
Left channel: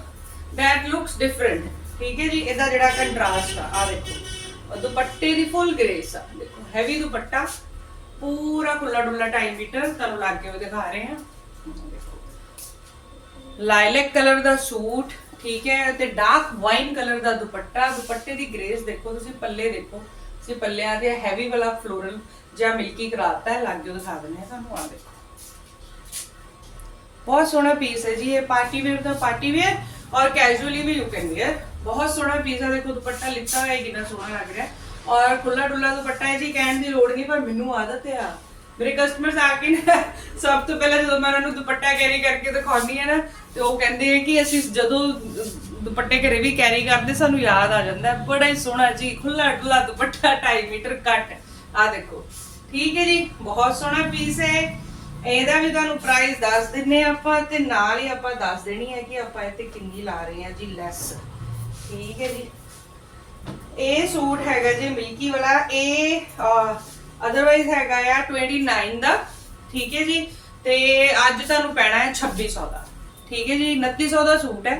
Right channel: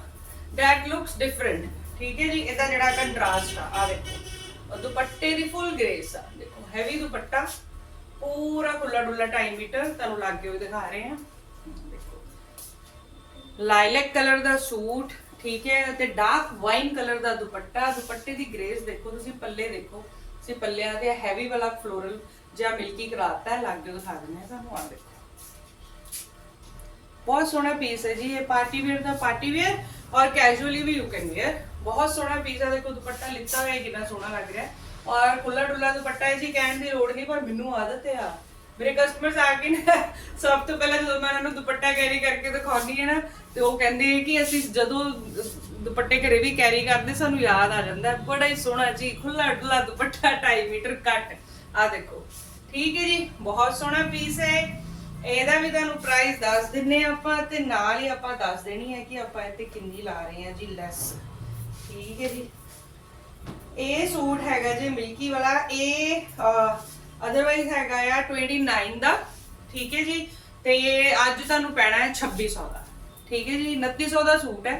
that looks different. ਠੀਕ ਹੈ ਜੀ ਇਹਦਾ ਜਿਹੜਾ ਕੰਟਰਾਸਟ ਆ ਆ ਦੇਖੋ ਔਰ ਦੁਪੱਟੇ ਦੀ ਫੁੱਲ ਗ੍ਰੇਸ ਆ। ਦੇਖੋ ਹੈਵੀ ਦੁਪੱਟਾ, ਪੂਰਾ ਖੁੱਲਾ ਡੁੱਲਾ 2.5 ਮੀਟਰ, ਤੁਹਾਨੂੰ ਲੱਗ ਕੇ ਉਹ ਦਿਖਾ ਰਹੇ ਹਾਂ। ਦੇਖੋ। ਲਾਈਲੈਕ ਕਲਰ ਦਾ ਸੂਟ, ਠੀਕ ਹੈ, ਤੇ ਡਾਰਕ ਵਾਈਨ ਕਲਰ ਦਾ ਦੁਪੱਟਾ, ਦੁਪੱਟੇ ਦੀ ਗ੍ਰੇਸ ਦੇਖੋ ਤੁਸੀਂ, ਪੱਲੇ ਦੇਖੋ। ਤੁਸੀਂ ਪੱਲਿਆਂ ਤੇ ਹੈਵੀ ਵਾਲਾ ਫਲੋਰਲ ਜਾਂ ਮਿਲਕੀ ਕਰਾਤਾ ਹੈ ਲੱਗ ਦਿਖਾ ਦਿੰਦੇ ਆ ਤੁਹਾਨੂੰ ਆ ਦੇਖੋ। ਬਹੁਤ ਸੋਹਣਾ ਪੀਸ ਹੈ ਜੀ, ਇਹ ਪਾਰਟੀ ਵੇਅਰ ਦਾ ਪਾਰਟੀ ਵੇਅਰ ਔਰ ਕੈਜੂਅਲੀ ਵੀ ਯੂ ਕੈਨ ਵੇਅਰ ਬਹੁਤ ਸੋਹਣਾ ਪੀਜ਼ਾ ਦੇਖੋ ਦੁਪੱਟਾ ਲਿੱਤਾ ਹੋਇਆ ਹੈ, ਕਿੰਨਾ ਸੋਹਣਾ ਲੱਗ ਰਿਹਾ ਔਰ ਖੁੱਲਾ ਡੁੱਲਾ ਦੁਪੱਟਾ ਹੈ ਜੀ ਕਹਿਣ ਦੀ ਲੋੜ ਨਹੀਂ ਪਰ ਮੈਨੂੰ ਆਦਤ ਹੈ ਆ। ਮੇਰੇ ਕਸਟਮਰਸ ਆ ਕੇ ਨਾ ਸਭ ਤੋਂ ਪਹਿਲਾਂ ਜਦੋਂ ਮੈਂ ਉਹਨਾਂ ਨੂੰ ਦੁਪੱਟਾ ਕੈਰੀ ਕਰਕੇ ਦਿਖਾਉਣੀ ਹੈ ਨਾ ਤੇ ਉਹ ਕਹਿੰਦੇ ਆ ਕਿ ਅਸੀਂ ਜਦੋਂ ਦੁਪੱਟੇ ਘਰੇ ਵੀ ਕੈਰੀ ਕਰਦੇ ਸਾਨੂੰ ਯਾਦ ਆ ਜਾਂਦਾ ਬੜਾ ਹੀ ਸੋਹਣਾ ਜੀ ਖੁੱਲਾ ਡੁੱਲਾ ਦੁਪੱਟਾ 2.5 ਮੀਟਰ ਕੱਟ ਆ ਦੇਖੋ ਠੀਕ ਹੈ ਜੀ ਬਹੁਤ ਸੋਹਣਾ ਪੀਸ ਹੈ। ਇਹਦਾ ਵੀ ਤੁਹਾਨੂੰ ਪ੍ਰਾਈਸ ਦੱਸ ਦਿੰਨੇ ਆਪਾਂ ਤੇ ਨਾਲ ਹੀ ਆਪਾਂ ਦੱਸ ਦੇਣੀ ਹੈ ਕਿ ਆਪਾਂ ਇਹ ਤੇ ਕਿੰਨੀ ਲਾ ਰਹੇ ਹਾਂ ਜੀ ਲੈਸ ਠੀਕ ਹੈ ਜੀ। ਇਹ ਸੂਟ ਹੈਗਾ ਜੀ ਮਿਲਕੀ ਵਾਲਾ। ਇਹ ਅਦਰਵਾਈਜ਼ ਹੈਗਾ ਆ 29 ਦਾ। ਠੀਕ ਹੈ ਜੀ। ਤੇ ਅੱਜ ਤੁਹਾਨੂੰ ਪੈਣਾ ਹੈ 2600 ਦਾ। ਠੀਕ ਹੈ ਜੀ 2900 ਦਾ ਸੂਟ ਹੈ।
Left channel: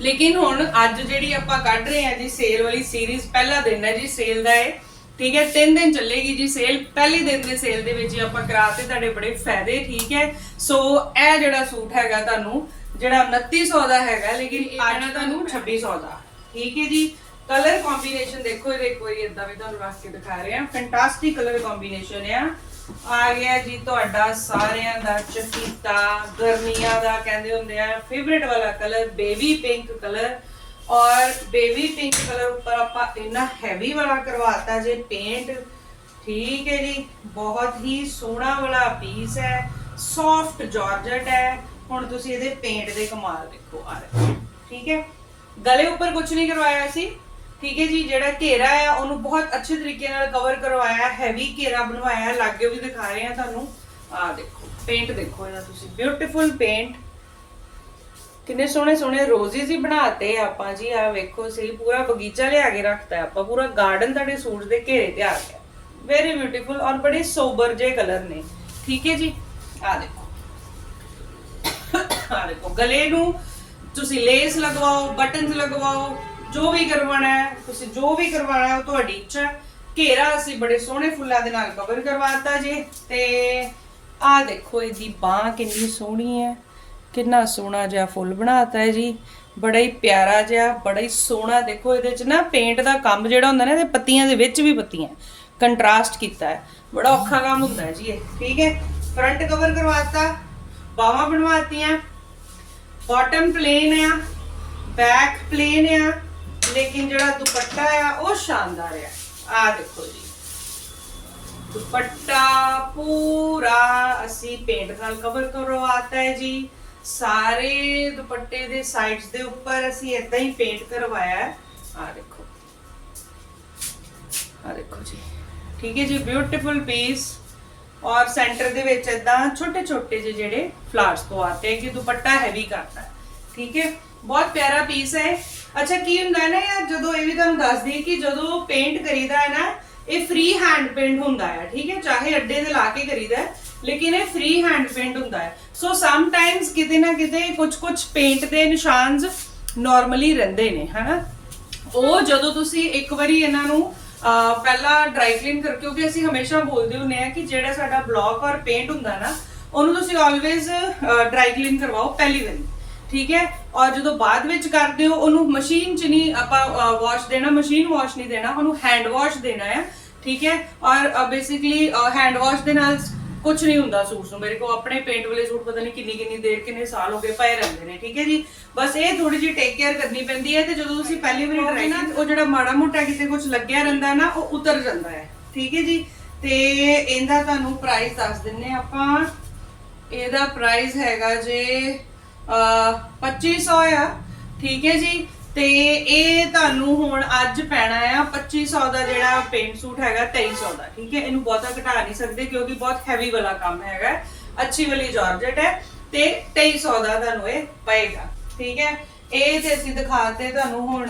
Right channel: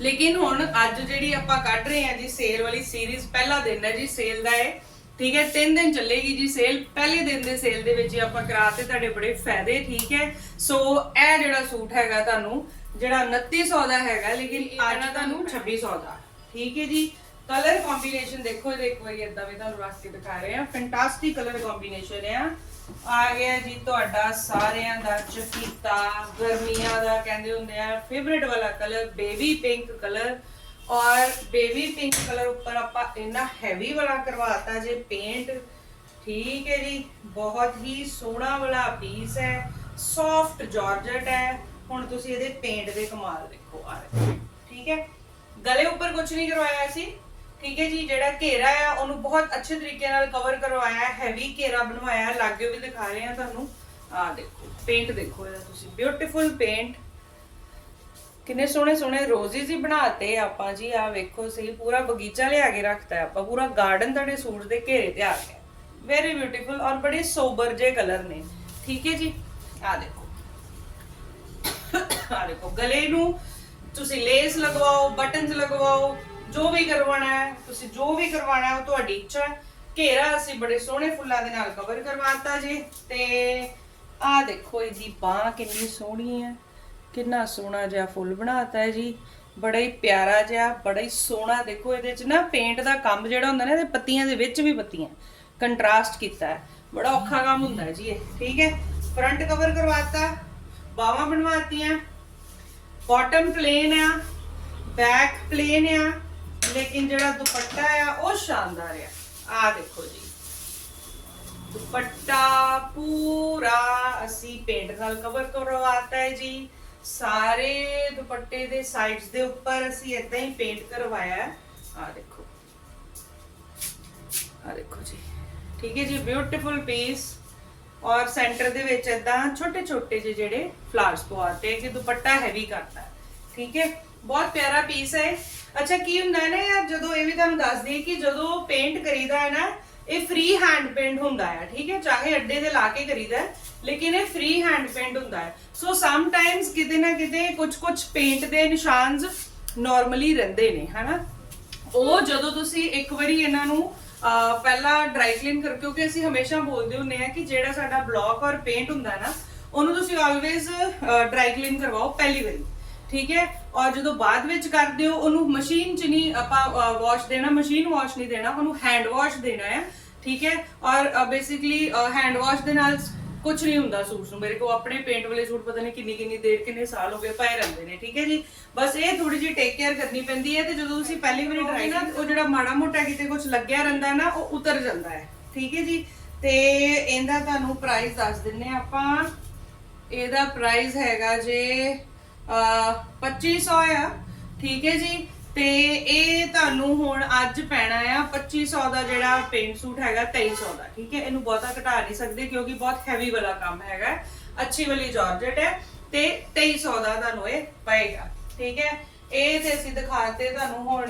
ਲੇਕਿਨ ਹੁਣ ਅੱਜ ਜਿਹੜੀ ਆਪਾਂ ਕੱਢ ਰਹੇ ਆ ਜੀ ਸੇਲ ਵਾਲੀ ਸੀਰੀਜ਼ ਪਹਿਲਾ ਦਿਨ ਹੈ ਜੀ ਸੇਲ ਦਾ ਇਹ। ਠੀਕ ਹੈ 3 ਦਿਨ ਚੱਲੇਗੀ ਜੀ ਸੇਲ ਪਹਿਲੇ ਦਿਨ ਦੇ ਸੇਲ ਦੇ ਵਿੱਚ ਆਪਾਂ ਕਰਾ ਤੇ ਤੁਹਾਡੇ ਬੜੇ ਫਾਇਦੇ, ਠੀਕ ਹੈ। ਸੋ ਇਹ ਜਿਹੜਾ ਸੂਟ ਹੈਗਾ ਤੁਹਾਨੂੰ ਜਿਹੜਾ 2900 ਦਾ ਹੈਗਾ ਲੇਕਿਨ ਪੈਣਾ ਤੁਹਾਨੂੰ 2600 ਦਾ। ਠੀਕ ਹੈ ਜੀ? ਕਲਰ ਕੰਬੀਨੇਸ਼ਨ ਦੇਖੋ ਇਹਦੇ ਕੋਈ ਇਦਾਂ ਵੀ ਤੁਹਾਨੂੰ ਰੱਖ ਕੇ ਦਿਖਾ ਰਹੇ ਹਾਂ। ਫੈਂਟਾਸਟਿਕ ਕਲਰ ਕੰਬੀਨੇਸ਼ਨ ਆ। ਆ ਗਿਆ ਜੀ ਤੁਹਾਡਾ ਸਾਰਿਆਂ ਦਾ ਚਹੀਤਾ ਗਰਮੀਆਂ ਦਾ ਕਹਿੰਦੇ ਹੁੰਦੇ ਆ ਫੇਵਰਿਟ ਵਾਲਾ colour baby pink colour or baby pink colour ਉੱਪਰ ਆਪਾਂ ਇੰਨਾ ਹੈਵੀ ਵਾਲਾ ਕਰਵਾਤਾ ਜੇ ਪੇਂਟ ਠੀਕ ਹੈ ਜੀ? ਬਹੁਤ ਹੀ ਸੋਹਣਾ ਵਾਲਾ ਪੀਸ ਹੈ। ਸੌਫਟ ਜਾਰਜਟ ਹੈ। ਹੁਣ ਤੁਸੀਂ ਇਹਦੇ ਪੇਂਟ ਦੇ ਕਮਾਲ ਦੇਖੋ ਆ ਠੀਕ ਹੈ? ਗਲੇ ਉੱਪਰ ਕੁਝ ਨਹੀਂ ਕਰਵਾਇਆ ਸੀ। ਠੀਕ ਹੈ ਜੀ, ਜਿਹੜਾ ਘੇਰਾ ਹੈ, ਉਹਨੂੰ ਬਹੁਤ ਅੱਛੇ ਤਰੀਕੇ ਨਾਲ ਕਵਰ ਕਰਵਾਇਆ ਹੈਵੀ ਘੇਰਾ ਬਣਵਾਇਆ, ਲਾਗੇ ਵੀ ਦਿਖਾ ਰਹੇ ਹਾਂ ਤੁਹਾਨੂੰ। ਆ ਦੇਖੋ ਪੇਂਟ ਦੇਖੋ ਇਹਦਾ ਤੁਸੀਂ। ਬਿਊਟੀਫੁਲ ਪੇਂਟ ਕਿੰਨੇ ਸੋਹਣੇ ਸੋਹਣੇ ਰੋਜ਼ਿਸ ਹੀ ਬਣਾਤੇ ਆਪਾਂ ਜੀ। ਆ ਵੇਖੋ ਸਹੀ, ਪੂਰਾ ਬਗੀਚਾ ਲਿਆ ਕੇ ਰੱਖਤਾ ਆਪਾਂ। ਪੂਰਾ ਗਾਰਡਨ ਤੁਹਾਡੇ ਸੂਟ ਦੇ ਘੇਰੇ ਤੇ ਆ ਗਿਆ। ਵੈਰੀ ਬਿਊਟੀਫੁਲ ਔਰ ਬੜੇ ਸੋਬਰ ਜੇ ਕਲਰ ਨੇ। ਠੀਕ ਹੈ ਜੀ? ਆ ਦੇਖੋ। ਆ ਦੇਖੋ, ਗਲੇ ਨੂੰ ਤੁਸੀਂ ਲੇਸ ਲਗਵਾਓ ਬਟਨਸ ਲਗਵਾਓ, ਜੋ ਵੀ ਕਰਵਾਉਣਾ ਹੈ, ਤੁਸੀਂ ਜੋ ਵੀ ਕਰਵਾਉਣਾ ਹੈ, ਉਹ ਤੁਹਾਡੀ ਇੱਛਾ ਘੇਰਾ ਅਸੀਂ ਬੜੇ ਸੋਹਣੇ ਫੁੱਲਾਂ ਦੇ ਨਾਲ ਕਵਰ ਕਰਵਾਤਾ ਜੀ, ਤੇ ਆ ਦੇਖੋ, ਇਹਦੀ ਬਾਹ ਕਿੰਨੀ ਸੋਹਣੀ ਹੈ। ਕਿੰਨਾ ਸੋਹਣਾ ਜਿਹਾ ਫੁੱਲ ਬਣਾਤਾ ਹੈ ਜੀ। ਬੜਾ ਹੀ ਪਿਆਰਾ ਜਿਹਾ, ਬੜਾ ਹੀ ਸੋਹਣਾ, ਦੇਖੋ, ਇਹਦੇ ਚ ਨਾ ਪੇਂਟ ਦਾ ਕੰਮ ਜਿਹੜਾ ਹੁੰਦਾ ਨਾ, ਇਹਦੇ ਪੱਤੀਆਂ ਦੇ ਵਿੱਚ ਵੀ ਪੱਤੀਆਂ ਕੰਟਰਾਸਟ ਕੀਤਾ ਹੈ। ਬੜਾ ਔਖਾ ਕੰਮ ਹੁੰਦਾ ਜੀ ਇਹ, ਠੀਕ ਹੈ? ਫਰੰਟ ਕਵਰ ਕਰਵਾਤਾ, ਬਾਹਾਂ ਬਣਵਾਤੀਆਂ ਬਾਟਮ ਪਲੇਨ ਆ ਬੈਕ ਪਲੇਨ ਆ, ਲੇਕਿਨ ਜਿਹੜਾ ਦੁਪੱਟਾ ਆ, ਉਹ ਸ਼ਾਨਦਾਰ ਆ। ਆ ਦੇਖੋ ਜੀ। ਦੁਪੱਟਾ ਪੂਰਾ ਅਸੀਂ ਪੇਂਟ ਨਾਲ ਕਵਰ ਕਰਵਾਤਾ ਹੈ ਜੀ। ਸਾਰੇ ਦੁਪੱਟੇ ਦੇ ਸਾਈਡਸ ਦੇ ਉੱਪਰ ਅਸੀਂ ਇਦਾਂ ਹੀ ਪੇਂਟ ਕਰਵਾਇਆ ਹੈ। ਆ ਦੇਖੋ। ਆ ਦੇਖੋ ਜੀ। ਠੀਕ ਹੈ ਜੀ ਬਿਊਟੀਫੁਲ ਪੀਸ ਔਰ ਸੈਂਟਰ ਦੇ ਵਿੱਚ ਇਦਾਂ ਛੋਟੇ ਛੋਟੇ ਜਿਹੇ ਜਿਹੜੇ ਫਲਾਵਰਸ ਪਵਾਤੇ ਹੈ ਕਿ ਦੁਪੱਟਾ ਹੈਵੀ ਕਰਤਾ। ਠੀਕ ਹੈ? ਬਹੁਤ ਪਿਆਰਾ ਪੀਸ ਹੈ। ਅੱਛਾ, ਕੀ ਹੁੰਦਾ ਹੈ ਨਾ ਯਾਰ ਜਦੋਂ ਇਹ ਵੀ ਤੁਹਾਨੂੰ ਦੱਸ ਕਿ ਜਦੋਂ ਪੇਂਟ ਕਰੀਦਾ ਹੈ ਨਾ, ਇਹ ਫ੍ਰੀ ਹੈਂਡ ਪੇਂਟ ਹੁੰਦਾ ਹੈ, ਠੀਕ ਹੈ? ਚਾਹੇ ਅੱਡੇ ਤੇ ਲਾ ਕੇ ਕਰੀਦਾ ਹੈ, ਲੇਕਿਨ ਇਹ ਫ੍ਰੀ ਹੈਂਡ ਪੇਂਟ ਹੁੰਦਾ ਹੈ। ਸੋ ਸਮ ਟਾਈਮਸ ਕਿਤੇ ਨਾ ਕਿਤੇ ਕੁਝ ਕੁਝ ਪੇਂਟ ਦੇ ਨਿਸ਼ਾਨਸ ਨਾਰਮਲੀ ਰਹਿੰਦੇ ਨੇ, ਹਨਾ? ਉਹ ਜਦੋਂ ਤੁਸੀਂ ਇੱਕ ਵਾਰੀ ਇਹਨਾਂ ਨੂੰ ਪਹਿਲਾਂ ਡਰਾਈ ਕਲੀਨ ਕਰ ਕਿਉਂਕਿ ਅਸੀਂ ਹਮੇਸ਼ਾ ਬੋਲਦੇ ਹੁੰਨੇ ਆ ਕਿ ਜਿਹੜਾ ਸਾਡਾ ਬਲੌਕ ਔਰ ਪੇਂਟ ਹੁੰਦਾ ਨਾ, ਉਹਨੂੰ ਤੁਸੀਂ ਆਲਵੇਜ਼ ਡਰਾਈ ਕਲੀਨ ਕਰਵਾਓ ਪਹਿਲੀ ਵਾਰੀ, ਠੀਕ ਹੈ? ਔਰ ਜਦੋਂ ਬਾਅਦ ਵਿੱਚ ਕਰਦੇ ਹੋ, ਉਹਨੂੰ ਮਸ਼ੀਨ 'ਚ ਨਹੀਂ ਆਪਾਂ ਵਾਸ਼ ਦੇਣਾ ਮਸ਼ੀਨ ਵਾਸ਼ ਨਹੀਂ ਦੇਣਾ, ਉਹਨੂੰ ਹੈਂਡ ਵਾਸ਼ ਦੇਣਾ ਹੈ, ਠੀਕ ਹੈ? ਔਰ ਬੇਸਿਕਲੀ ਹੈਂਡ ਵਾਸ਼ ਦੇ ਨਾਲ ਕੁਝ ਨਹੀਂ ਹੁੰਦਾ ਸੂਟ ਨੂੰ। ਮੇਰੇ ਕੋ ਆਪਣੇ ਪੇਂਟ ਵਾਲੇ ਸੂਟ ਪਤਾ ਨਹੀਂ ਕਿੰਨੀ ਕਿੰਨੀ ਦੇਰ ਕਿੰਨੇ ਸਾਲ ਹੋ ਗਏ ਪਏ ਰਹਿੰਦੇ ਨੇ ਠੀਕ ਹੈ ਜੀ? ਬਸ ਇਹ ਥੋੜੀ ਜਿਹੀ ਟੇਕ ਕੇਅਰ ਕਰਨੀ ਪੈਂਦੀ ਹੈ ਤੇ ਜਦੋਂ ਤੁਸੀਂ ਪਹਿਲੀ ਵਾਰੀ ਟਰਾਈ ਨਾ ਉਹ ਜਿਹੜਾ ਮਾੜਾ ਮੋਟਾ ਕਿਤੇ ਕੁਝ ਲੱਗਿਆ ਰਹਿੰਦਾ ਨਾ ਉਹ ਉਤਰ ਜਾਂਦਾ ਹੈ ਠੀਕ ਹੈ ਜੀ? ਤੇ ਇਹਦਾ ਤੁਹਾਨੂੰ ਪ੍ਰਾਈਸ ਦੱਸ ਦਿੰਨੇ ਆਪਾਂ। ਇਹਦਾ ਪ੍ਰਾਈਸ ਹੈਗਾ ਜੇ ਅਹ 2500 ਆ ਠੀਕ ਹੈ ਜੀ? ਤੇ ਇਹ ਤੁਹਾਨੂੰ ਹੁਣ ਅੱਜ ਪੈਣਾ ਆ 2500 ਦਾ ਜਿਹੜਾ ਪੇਂਟ ਸੂਟ ਹੈਗਾ 2300 ਦਾ, ਠੀਕ ਹੈ? ਇਹਨੂੰ ਬਹੁਤਾ ਘਟਾ ਨਹੀਂ ਸਕਦੇ ਕਿਉਂਕਿ ਬਹੁਤ ਹੈਵੀ ਵਾਲਾ ਕੰਮ ਹੈਗਾ, ਅੱਛੀ ਵਾਲੀ ਜਾਰਜਟ ਹੈ ਤੇ 2300 ਦਾ ਤੁਹਾਨੂੰ ਇਹ ਪਏਗਾ, ਠੀਕ ਹੈ? ਇਹ ਤੇ ਅਸੀਂ ਦਿਖਾਤੇ ਤੁਹਾਨੂੰ ਹੁਣ